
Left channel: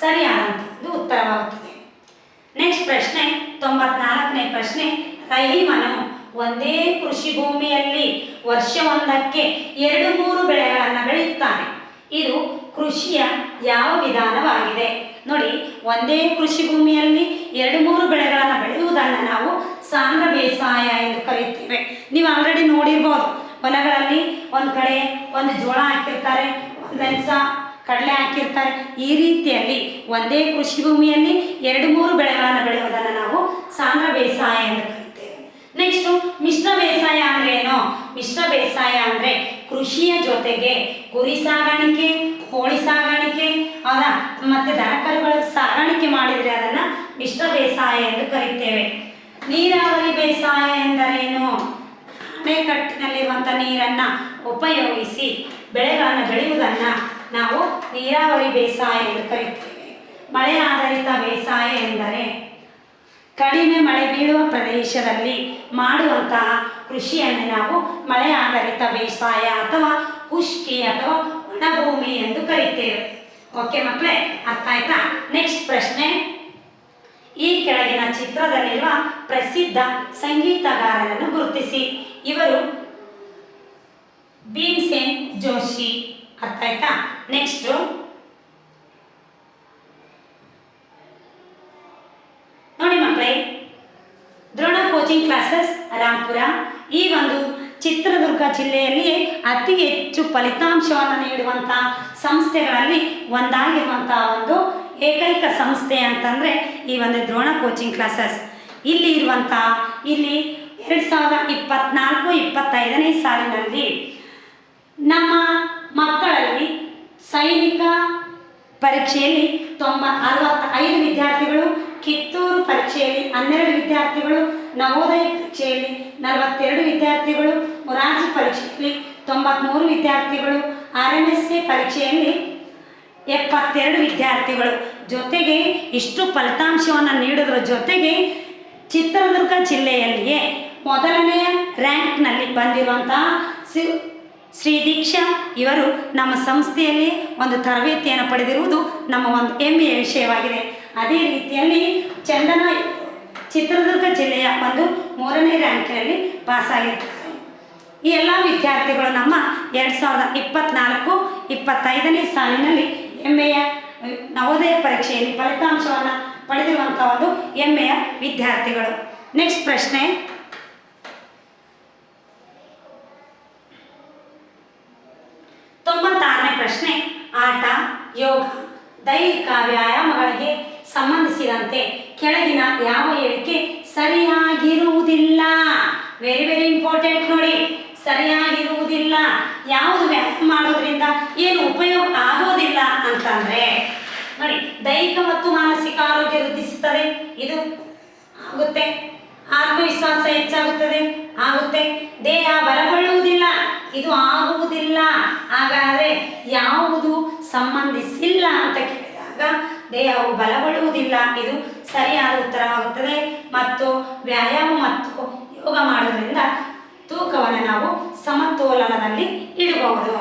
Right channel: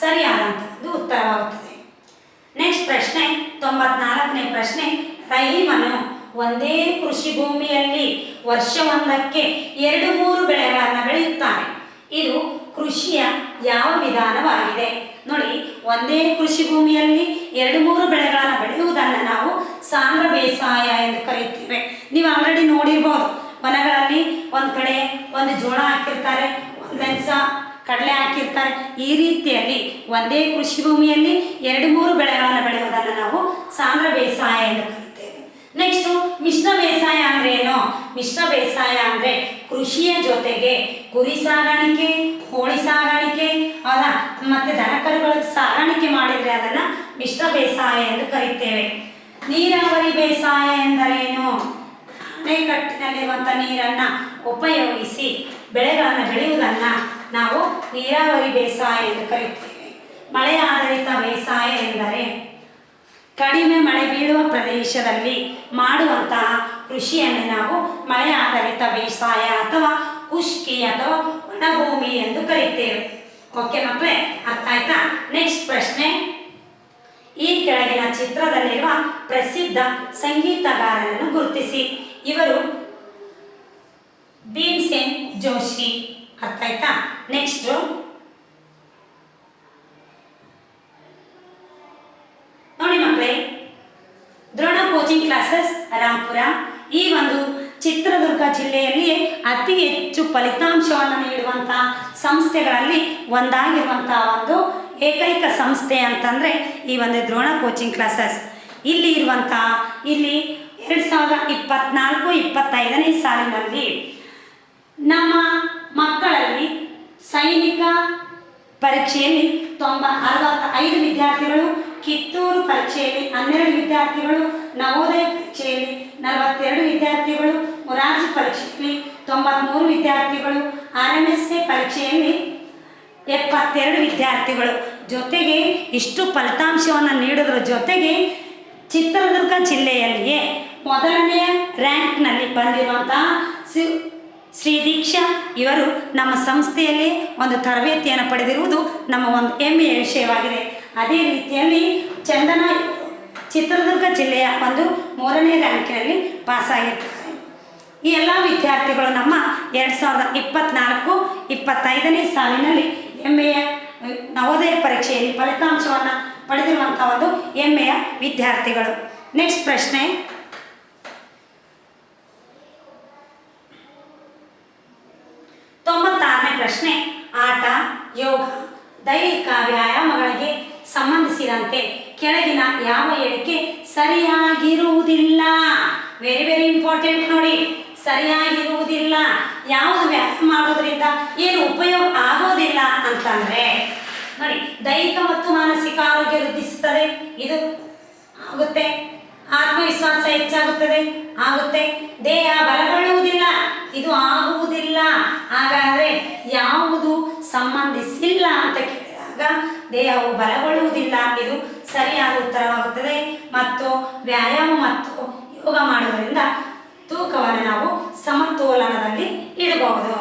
ಸರಿಯಾದಂಥದ್ದು ಉತ್ತರವಾಗುತ್ತದೆ. ನೆಕ್ಸ್ಟ್ ಪ್ರಶ್ನೆ, ತೊಂಬತ್ನಾಲ್ಕನೇ ಪ್ರಶ್ನೆ ರಹೀಮನು ಒಂದೇ ಕೃಷಿ ಭೂಮಿಯಲ್ಲಿ ವರ್ಷವೊಂದಕ್ಕೆ ಎರಡು ಮೂರು ಬೆಳೆಗಳನ್ನು ಬೆಳೆಯುತ್ತಾನೆ ಇದು ಕೃಷಿಯ ಯಾವ ವಿಧಾನವಾಗಿದೆ? ನೋಡಿ, ಒಂದೇ ಕೃಷಿ ಭೂಮಿಯಲ್ಲಿ ಎರಡು ಮೂರು ಬೆಳೆಗಳನ್ನು ಬೆಳೆಯುವುದನ್ನು ನಾವು ಸಾಂದ್ರ ಬೇಸಾಯ ಎಂದು ಕರೆಯುತ್ತೇವೆ. ನೀವು ಆಲ್ರೆಡಿ ನೋಡಿರ್ಬೋದು ಹೊಲಗಳಲ್ಲಿ ಒಂದು ಕಡೆ ಒಂದು ಜೋಳ ಹಾಕಿರ್ತಾರೆ ಮೆಣಸ ಕಡಲೆ ಹಾಕಿರ್ತಾರೆ. ಈ ರೀತಿಯಲ್ಲಿ ಒಂದೇ ಕೃಷಿ ಭೂಮಿಯಲ್ಲಿ ಎರಡು ಮೂರು ಬೆಳೆಗಳನ್ನು ಬೆಳೆಯುವುದನ್ನು ನಾವು ಸಾಂದ್ರ ಬೇಸಾಯ ಎಂದು ನೆಕ್ಸ್ಟು ಮಿಶ್ರ ಬೇಸಾಯ ಅಂದ್ರೆ ಏನು? ಮಿಶ್ರ ಬೇಸಾಯ ಅಂದ್ರೆ ಕೃಷಿಯ ಜೊತೆಗೆ ಕುರಿ ಸಾಗಾಣಿಕೆ, ಕೋಳಿ ಸಾಗಾಣಿಕೆ, ಅಲ್ಲ, ಮತ್ತೆ ದನಕರುಗಳ ಸಾಗಾಣಿಕೆ ಮಾಡಿದ್ರೆ ಅದನ್ನ ಮಿಶ್ರ ಬೇಸಾಯ ಎಂದು ಕರೀತೇವೆ. ನೀರಾವರಿ ಬೇಸಾಯ ಎಂದರೇನು ಅಣೆಕಟ್ಟಿನಲ್ಲಿರುವಂಥ ನೀರನ್ನು ಉಪಯೋಗಿಸಿ ಬೆಳೆಗಳನ್ನು ಬೆಳೆಯುವುದನ್ನು ನಾವು ನೀರಾವರಿ ಬೇಸಾಯ ಎಂದು ಕರೀತೇವೆ. ಮಳೆ ಆಧಾರಿತ ಬೇಸಾಯ ಎಂದರೆ ಕಡಿಮೆ ಮಳೆ ಬೀಳುವ ಪ್ರದೇಶದಲ್ಲಿ ಮಾಡುವಂತಹ ಕೃಷಿಯನ್ನು ನಾವು ಮಳೆ ಆಧಾರಿತ ಬೇಸಾಯ ಅಥವಾ ಕುಷ್ಕಿ ಅಥವಾ ಒಣಭೂಮಿ ಎಂದು ಕರೀತೇವೆ. ಓಕೆ ಮಕ್ಕಳೇ ಅರ್ಥ ಆಯ್ತಾ? ನೆಕ್ಸ್ಟ್ ಪ್ರಶ್ನೆ. ಈ ಕೆಳಗಿನ ಚಿತ್ರದಲ್ಲಿರುವ ಪ್ರಸಿದ್ಧ ಸಂಗೀತಗಾರರನ್ನು ಗುರುತಿಸಿ. ಇವರು ಭೀಮ್ಸೇನ್ ಜೋಶಿ. ಅರ್ಥ ಆಯ್ತಾ? ನೆಕ್ಸ್ಟ್ ನೋಡಿ ಮಕ್ಕಳೇ ದ್ರೋಣ ಕೋಚಿಂಗ್ ಕ್ಲಾಸಸ್ ರಾಮ್ಪುರ ಈ ಒಂದು ಚಿತ್ರದುರ್ಗ ಜಿಲ್ಲೆಯಲ್ಲಿ ಅತಿ ಹೆಚ್ಚು ಫಲಿತಾಂಶವನ್ನು ನೀಡುವಂಥ ಸಂಸ್ಥೆಗಳಲ್ಲಿ ಒಂದಾಗಿರುವಂಥ ಒಂದು ಏಕೈಕ ಸಂಸ್ಥೆ ಅಂತಂದರೆ ಈ ಒಂದು ದ್ರೋಣ ಕೋಚಿಂಗ್ ಕ್ಲಾಸಸ್ ಇಲ್ಲಿ ಇರುವಂಥ ಇಲ್ಲಿ ಎರಡು ಸಾವಿರದ ಇಪ್ಪತ್ನಾಲ್ಕು, ಇಪ್ಪತ್ತೈದನೇ ಸಾಲಿನಲ್ಲಿ ನಮ್ಮ ಮಕ್ಕಳಲ್ಲಿ ಸೈನಿಕ ಪರೀಕ್ಷೆಯಲ್ಲಿ ತೊಂಬ ಅರವತ್ತೈದು ವಿದ್ಯಾರ್ಥಿಗಳು, ಕಿತ್ತೂರು ಪರೀಕ್ಷೆಯಲ್ಲಿ ಹನ್ನೆರಡು ವಿದ್ಯಾರ್ಥಿಗಳು, ನವೋದಯ ಪರೀಕ್ಷೆಯಲ್ಲಿ ನಲವತ್ತೆರಡು ವಿದ್ಯಾರ್ಥಿಗಳು, ಮೊರಾರ್ಜಿ ಪರೀಕ್ಷೆಯಲ್ಲಿ ತೊಂಬತ್ತ್ಮೂರು ವಿದ್ಯಾರ್ಥಿಗಳು ಆರ್ ಎಂ ಎಸ್ ಸಿ ಪರೀಕ್ಷೆಯಲ್ಲಿ ಎಪ್ಪತ್ತೆರಡು ವಿದ್ಯಾರ್ಥಿಗಳು. ಜೊತೆಗೆ ಇಷ್ಟು ಫಲಿತಾಂಶವನ್ನು ನೀಡೋದ್ರ ಜೊತೆಗೆ ಚಿತ್ರದುರ್ಗ ಜಿಲ್ಲೆಯಲ್ಲಿಯೇ ಮೊದಲನೆಯ ರ್ಯಾಂಕ್ನಲ್ಲಿ ಬಂದಿರುವಂತಹ ಸಿ ಶ್ರೀ ದೀಕ್ಷಾ ಇವರು ನಮ್ಮ ಸಂಸ್ಥೆಯಲ್ಲಿ ಒಂದು ತರಬೇತಿಯನ್ನು ಪಡೆದಿರುವುದು ನಮ್ಮ ಒಂದು ಹೆಮ್ಮೆಯ ವಿಷಯವಾಗಿದೆ. ಅದೇ ರೀತಿಯಲ್ಲಿ ಚಂದನ ಚಿತ್ರದುರ್ಗ ಜಿಲ್ಲೆಯ ಒಂದು ಮೂರನೇ ರ್ಯಾಂಕಿನಲ್ಲಿ ಪಾಸಾಗಿರ್ತಾರೆ ಈ ಎಲ್ಲ ವಿದ್ಯಾರ್ಥಿಗಳು ನಮ್ಮ ಎರಡು ಸಾವಿರದ ಇಪ್ಪತ್ತ್ನಾಲ್ಕು ಇಪ್ಪತ್ತೈದನೇ ಸಾಲಿನಲ್ಲಿ ಹೆಮ್ಮೆಯ ನವೋದಯ ಪರೀಕ್ಷೆಯಲ್ಲಿ ಫಲಿತಾಂಶವನ್ನು ಪಡೆದಿರುವಂಥ ಒಂದು ಹೆಮ್ಮೆಯ ವಿದ್ಯಾರ್ಥಿಗಳು. ನೆಕ್ಸ್ಟ್ ಪ್ರಶ್ನೆ. ಯೋಗ, ದೈಹಿಕ ವ್ಯಾಯಾಮಗಳಿಗೆ ಸಂಬಂಧಿಸಿದಂತೆ ಕೆಳಗಿನ ಯಾವ ಹೇಳಿಕೆ ಸರಿಯಾಗಿರುವುದಿಲ್ಲ? ವೆರಿ ವೆರಿ ಇಂಪಾರ್ಟೆಂಟ್ ನೋಡಿ. ಸರಿಯಾಗಿರುವುದಿಲ್ಲ. ಯಾವುದು ವ್ಯಾಯಾಮ ಮಾಡೋದ್ರಿಂದ ಏನು ಉಪಯೋಗ ಆಗೋದಿಲ್ಲ ಅಂತಂದ್ರೆ, ನೋಡಿ, ದೈಹಿಕ ಮತ್ತು ಮಾನಸಿಕ ಆರೋಗ್ಯ ವೃದ್ಧಿಸುತ್ತದೆ, ಇದು ಆಗುತ್ತೆ. ಆತ್ಮವಿಶ್ವಾಸ ಹೆಚ್ಚಾಗುತ್ತದೆ, ಆಗುತ್ತೆ. ದೇಹ ಬಲಗೊಳ್ಳುವುದಿಲ್ಲ. ಇದು ಆಗುವುದಿಲ್ಲ. ಹಾಗಾದರೆ ಯಾವುದು ಸಂಬಂಧಿಸಿಲ್ಲ ಅಂತ ಕೇಳಿದಾಗ ದೇಹವು ಬಲಗೊಳ್ಳುವುದಿಲ್ಲ. ಇದು ಸರಿಯಾದ ಉತ್ತರವಾಗುತ್ತದೆ. ಮತ್ತು ವ್ಯಾಯಾಮ ಮತ್ತು ಯೋಗ ಮಾಡೋದ್ರಿಂದ ತೂಕವನ್ನು ನಾವು ಸಮತೋಲನದಲ್ಲಿ ಇಡಬಹುದು.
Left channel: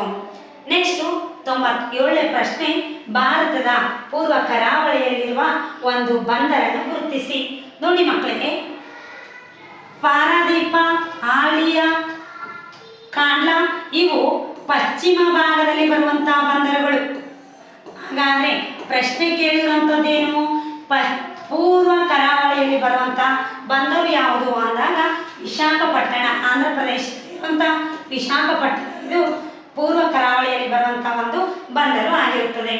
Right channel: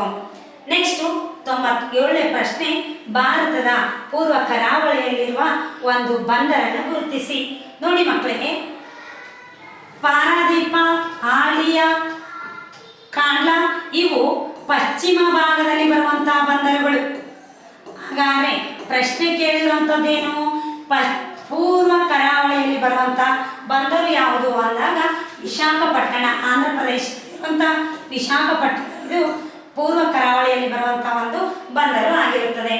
ನೆಕ್ಸ್ಟು ತೊಂಬತ್ತೇಳನೇ ಪ್ರಶ್ನೆ, ಭಾರತದ ಪೂರ್ವ ಕರಾವಳಿಯಲ್ಲಿರುವ ಒಂದು ಬಂದರನ್ನು ಗುರುತಿಸಿ. ನೋಡಿ ಮಕ್ಕಳಿಗೆ ಪಾರಾದೀಪ ಆಳಿಯ ಕಾಂಡ್ಲ ಇವು ಪಶ್ಚಿಮ ಭಾಗದಲ್ಲಿ ಬರುವಂತಹ ಬಂದರುಗಳು. ಹಾಗಾದ್ರೆ ಪ್ರಶ್ನೆ ಕೇಳಿರುವಂಥದ್ದೇನು ಪ, ಪೂರ್ವ ಕರಾವಳಿಯಲ್ಲಿ ಬರುವಂಥ ಬಂದರು ಯಾವುದು ಅಂದಾಗ ವಿಶಾಖಪಟ್ಟಣ, ಆಂಧ್ರ ಪ್ರದೇಶದಲ್ಲಿರುವಂಥ ವಿಶಾಖಪಟ್ಟಣ. ಪೂರ್ವ ಕರಾವಳಿಯಲ್ಲಿ ಬರುವಂಥ ಒಂದು ಬಂದರು ಆಗಿರುತ್ತದೆ.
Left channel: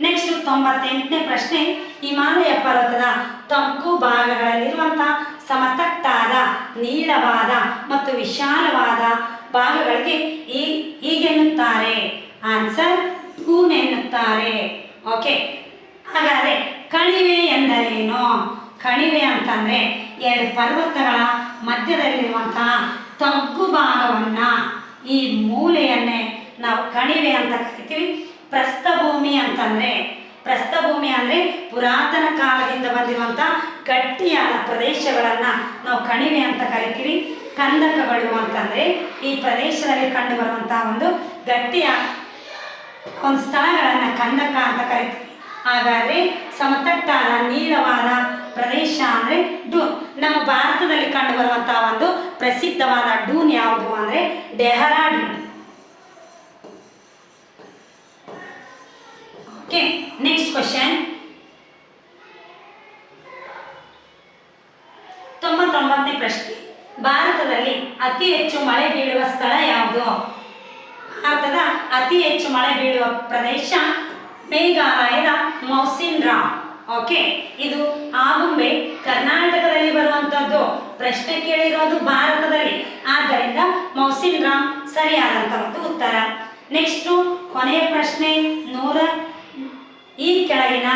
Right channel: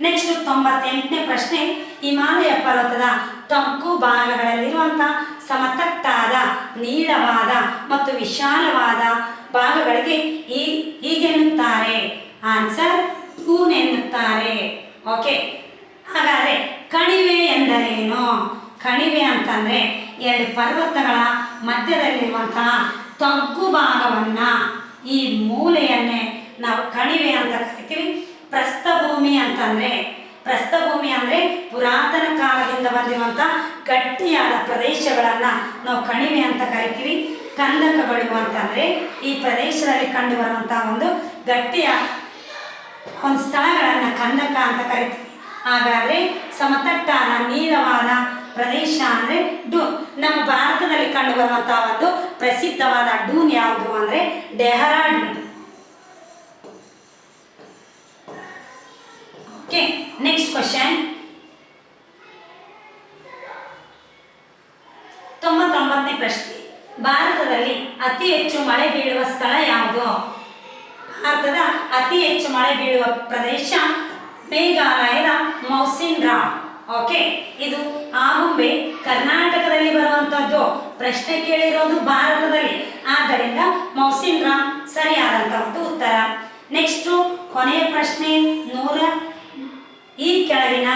ನೆಕ್ಸ್ಟ್ ತೊಂಬತ್ತೆಂಟನೇ ಪ್ರಶ್ನೆ, ಹಿಮಾಲಯ ಪರ್ವತದ ತಗ್ಗು ಭಾಗಗಳಲ್ಲಿರುವಂಥ ಸಮತಟ್ಟಾದ, ನೀಳವಾದ ಮತ್ತು ವಿಶಾಲವಾದ ಭಾಗಗಳಿಗೆ ಈ ಹೀಗೆನ್ನುತ್ತಾರೆ. ಆನ್ಸರ್ ಕೂನ್ ಎನ್ನುತ್ತಾರೆ ಓಕೆ ಹಾಗಾದರೆ ಕಣಿವೆ ಎಂದರೇನು? ಕಣಿವೆ ಅಂತಂದರೆ ಎರಡು ಪರ್ವತಗಳ ಮಧ್ಯದಲ್ಲಿರುವಂತಹ ತಗ್ಗು ಭಾಗವನ್ನು ಈ ಮೂಲೆಯನ್ನೇ ನಾವು ಕಣಿವೆ ಅಂತ ಕರಿತೀವಿ. ಪ್ರಸ್ಥಭೂಮಿ ಅಂತಂದರೆ, ಪ್ರಸ್ಥಭೂಮಿ ಅಂದರೆ ಪುರಾತನ ಕಾಲದಿಂದ ಬಂದಿರುವಂಥ ಗಟ್ಟಿಯಾದ ಪ್ರದೇಶಗಳನ್ನು ನಾವು ಕಣಿವೆ ಅಂತ ಕರಿತೀವಿ. ಕಂದಕಗಳು ಅಂತಂದರೆ ಈ ಪ್ರದೇಶದಲ್ಲಿ ಕಂಡುಬರುವಂಥ ಒಂದು ಗಟ್ಟಿಯ ಒಂದು ಸ್ಥಳಗಳನ್ನು ಕಂದಕ ಅಂತ ಕರಿತೀವಿ. ಹಾಗಾದರೆ ಸಮತಟ್ಟಾದ ನೀಳವಾದ ಪ್ರದೇಶ ಅಂದರೆ ಡೂನ್ ನಮ್ಮ ಭಾರತದಲ್ಲಿ ಕಂಡುಬರುವಂಥ ಒಂದು ಪ್ರಸಿದ್ಧವಾದ ಡೂನ್ ಯಾವುದು ಅಂದರೆ ಡೆಹರಾಡೂನ್. ಓಕೆ ನೆಕ್ಸ್ಟ್ ಕ್ವಶನ್ ತೊಂಬತ್ತೊಂಬತ್ತನೇ ಪ್ರಶ್ನೆ. ಭಾರತದಲ್ಲಿ ಅತಿ ಹೆಚ್ಚು ಮಳೆ ಬೀಳುವ ಸ್ಥಳ ಯಾವುದು? ಭಾರತದ ಅತಿ ಹೆಚ್ಚು ಮಳೆ ಬೀಳುವ ಪ್ರದೇಶ ಮೇಘಾಲಯದ ಮೌಸಿನ್ ರಾಮ್ ಓಕೆ, ಇದು ಆಗುಂಬೆ ಕರ್ನಾಟಕದಲ್ಲಿ ಬರುವಂಥದ್ದು ಪ್ರಶ್ನೆ ಕೇಳಿರೋದು ಭಾರತದಲ್ಲಿ. ಆದ್ದರಿಂದ ಮೌಸಿನ್ ರಾಮ್ ಸರಿಯಾದಂಥ ಒಂದು ಉತ್ತರ. ನೆಕ್ಸ್ಟು ಕೊನೆಯ ಪ್ರಶ್ನೆ ನೂರ ಈ ಕೆಳಗಿನ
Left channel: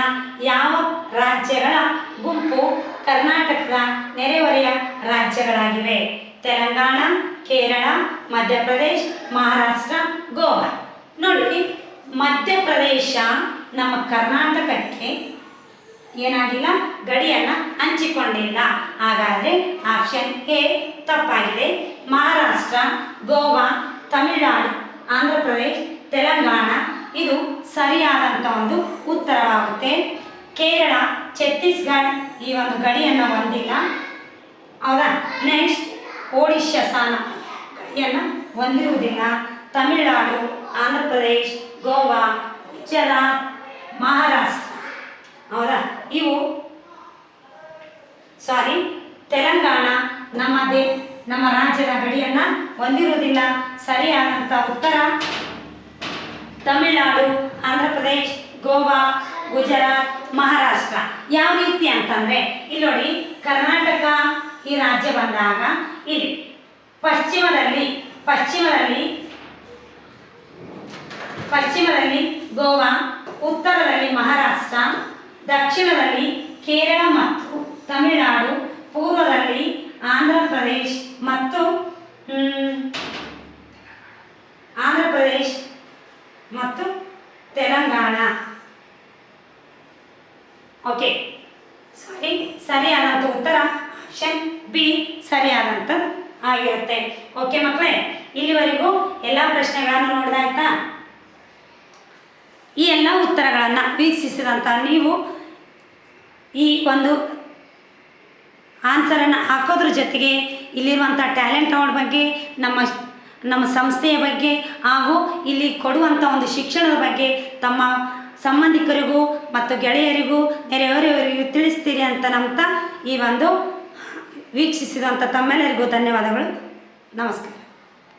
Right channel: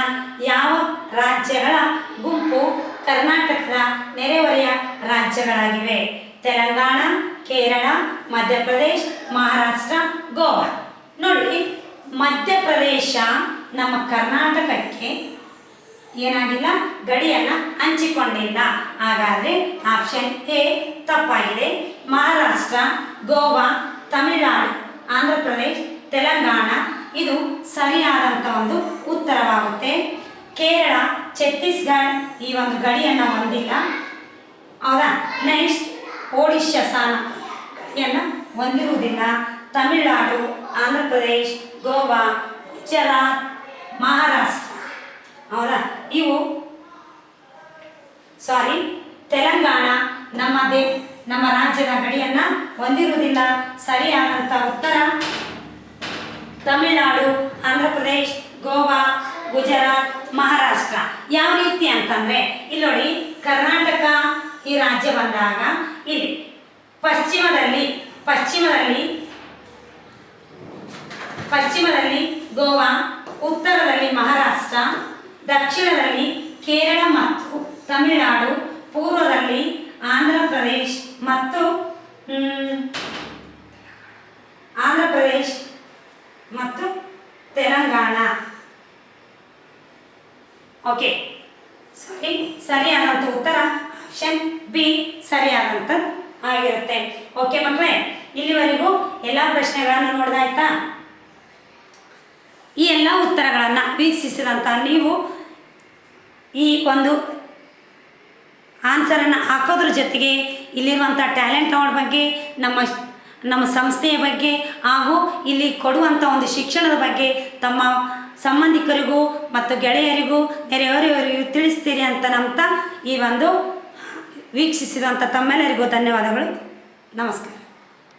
ಯಾವ ರಾಜ್ಯಗಳ ಗುಂಪು ಕರ್ನಾಟಕದ ನೆರೆಹೊರೆಯ ರಾಜ್ಯಗಳಾಗಿವೆ. ತೆಲಂಗಾಣ, ಕೇರಳ, ಮಧ್ಯಪ್ರದೇಶ, ಮಹಾರಾಷ್ಟ್ರ, ಗೋವಾ. ನೋಡಿ ಮಧ್ಯಪ್ರದೇಶ ನಮ್ಮ ಕರ್ನಾಟಕಕ್ಕೆ ಏನಾಗಿಲ್ಲ, ಗಡಿಯನ್ನು ಹಂಚಿಕೊಂಡಿಲ್ಲ. ಹಾಗಾದರೆ ಆಪ್ಷನ್ ಎ ತಪ್ಪಾಗಿದೆ. ಮಹಾರಾಷ್ಟ್ರ, ಗೋವಾ, ತಮಿಳುನಾಡು ಆಂಧ್ರ ಪ್ರದೇಶ್ ತೆಲಂಗಾಣ. ಇದು ಸರಿಯಾದಂಥ ಒಂದು ಉತ್ತರವಾಗುತ್ತೆ. ಕೇರಳ ಛತ್ತೀಸ್ಗಢ ಈ ಒಂದು ಗಡಿಯನ್ನು ಹೊಂದಿಲ್ಲ. ಹೌದಾ ನೆಕ್ಸ್ಟ್ ಒಡಿಶಾ ಸ್ಥಾನ. ಗಡಿಯನ್ನು ಹೊಂದಿರುವುದಿಲ್ಲ. ತಮಿಳುನಾಡು ಆಂಧ್ರ ಪ್ರದೇಶ್ ಗೋವಾ, ಗುಜರಾತ್, ಮಹಾರಾಷ್ಟ್ರ. ಹೌದಾ ಇವು ಸಾರಿ ತೆಲಂಗಾಣ ನಮ್ಮ ದೇ ನಮ್ಮ ರಾಜ್ಯದ ಗಡಿಯನ್ನು ಹೊಂದಿರುವುದಿಲ್ಲ. ಸರಿಯಾದಂಥ ಉತ್ತರ ತಮಿಳುನಾಡು ಆಂಧ್ರ ಪ್ರದೇಶ್ ಗೋವಾ, ಗುಜರಾತ್ ಮಹಾರಾಷ್ಟ್ರ. ಯಾವ ರೀತಿ ಅಂತಂದರೆ, ಇಲ್ಲಿ ನೋಡಿ, ಕರ್ನಾಟಕ ಈ ರಾಜ್ಯ ಬಂದಾಗ, ಇಲ್ಲಿ ಪಶ್ಚಿಮದಲ್ಲಿ ಪಶ್ಚಿಮದಲ್ಲಿ ಪಶ್ಚಿಮದಲ್ಲಿ ಗೋವಾ, ಉತ್ತರದಲ್ಲಿ ಮಹಾರಾಷ್ಟ್ರ, ದಕ್ಷಿಣದಲ್ಲಿ ಕೇರಳ ಮತ್ತು ತಮಿಳುನಾಡು, ಪೂರ್ವದಲ್ಲಿ ಆಂಧ್ರ ಪ್ರದೇಶ್ ಮತ್ತು ಆಂಧ್ರ ಪ್ರದೇಶ್ ಮತ್ತು ತೆಲಂಗಾಣ. ಓಕೆ ಸರಿ ಸರಿಯಾದಂಥ ಉತ್ತರ ಆಪ್ಷನ್ ಬಿ ಸರಿಯಾದಂಥ ಆಗಿರುತ್ತೆ. ಓಕೆ ಮಕ್ಕಳೇ ಇಲ್ಲಿವರೆಗೂ ಎಲ್ಲ ಪ್ರಶ್ನೆಗಳನ್ನು ನೋಡಿದಾಯ್ತಾ ಈ ಎಲ್ಲ ಉತ್ತರಗಳನ್ನು ವೀಕ್ಷಿಸಿದಂಥ ನೀವು ಈ ಒಂದು ಆನ್ಸರನ್ನು ಹಾಕೋದ್ರ ಜೊತೆಗೆ ಇಲ್ಲಿರುವಂಥ ಟ್ಯಾಲೆಂಟ್ ಅವಾರ್ಡ್ ಬಗ್ಗೆ, ನಮ್ಮ ನಮ್ಮ ಸಂಸ್ಥೆಯ ಬಗ್ಗೆ ಹಾಗೂ ಇಲ್ಲಿ ಕೊಡುವಂಥ ಒಂದು ಶಿಕ್ಷಣದ ಬಗ್ಗೆ ತಮ್ಮ ಸಂಬಂಧಿಕರಿಗೂ ಮತ್ತು ಗೆಳೆಯರಿಗೂ ನೆರೆಯವರಿಗೂ ತಿಳಿಸ್ತೀರಿ ಅಂತ ನಂಬ್ತಾ ಈ ಒಂದು ವೀಕ್ಷಿಸಿದಂಥ ತಮ್ಮೆಲ್ಲರಿಗೂ ಧನ್ಯವಾದಗಳು. ನಮಸ್ಕಾರ.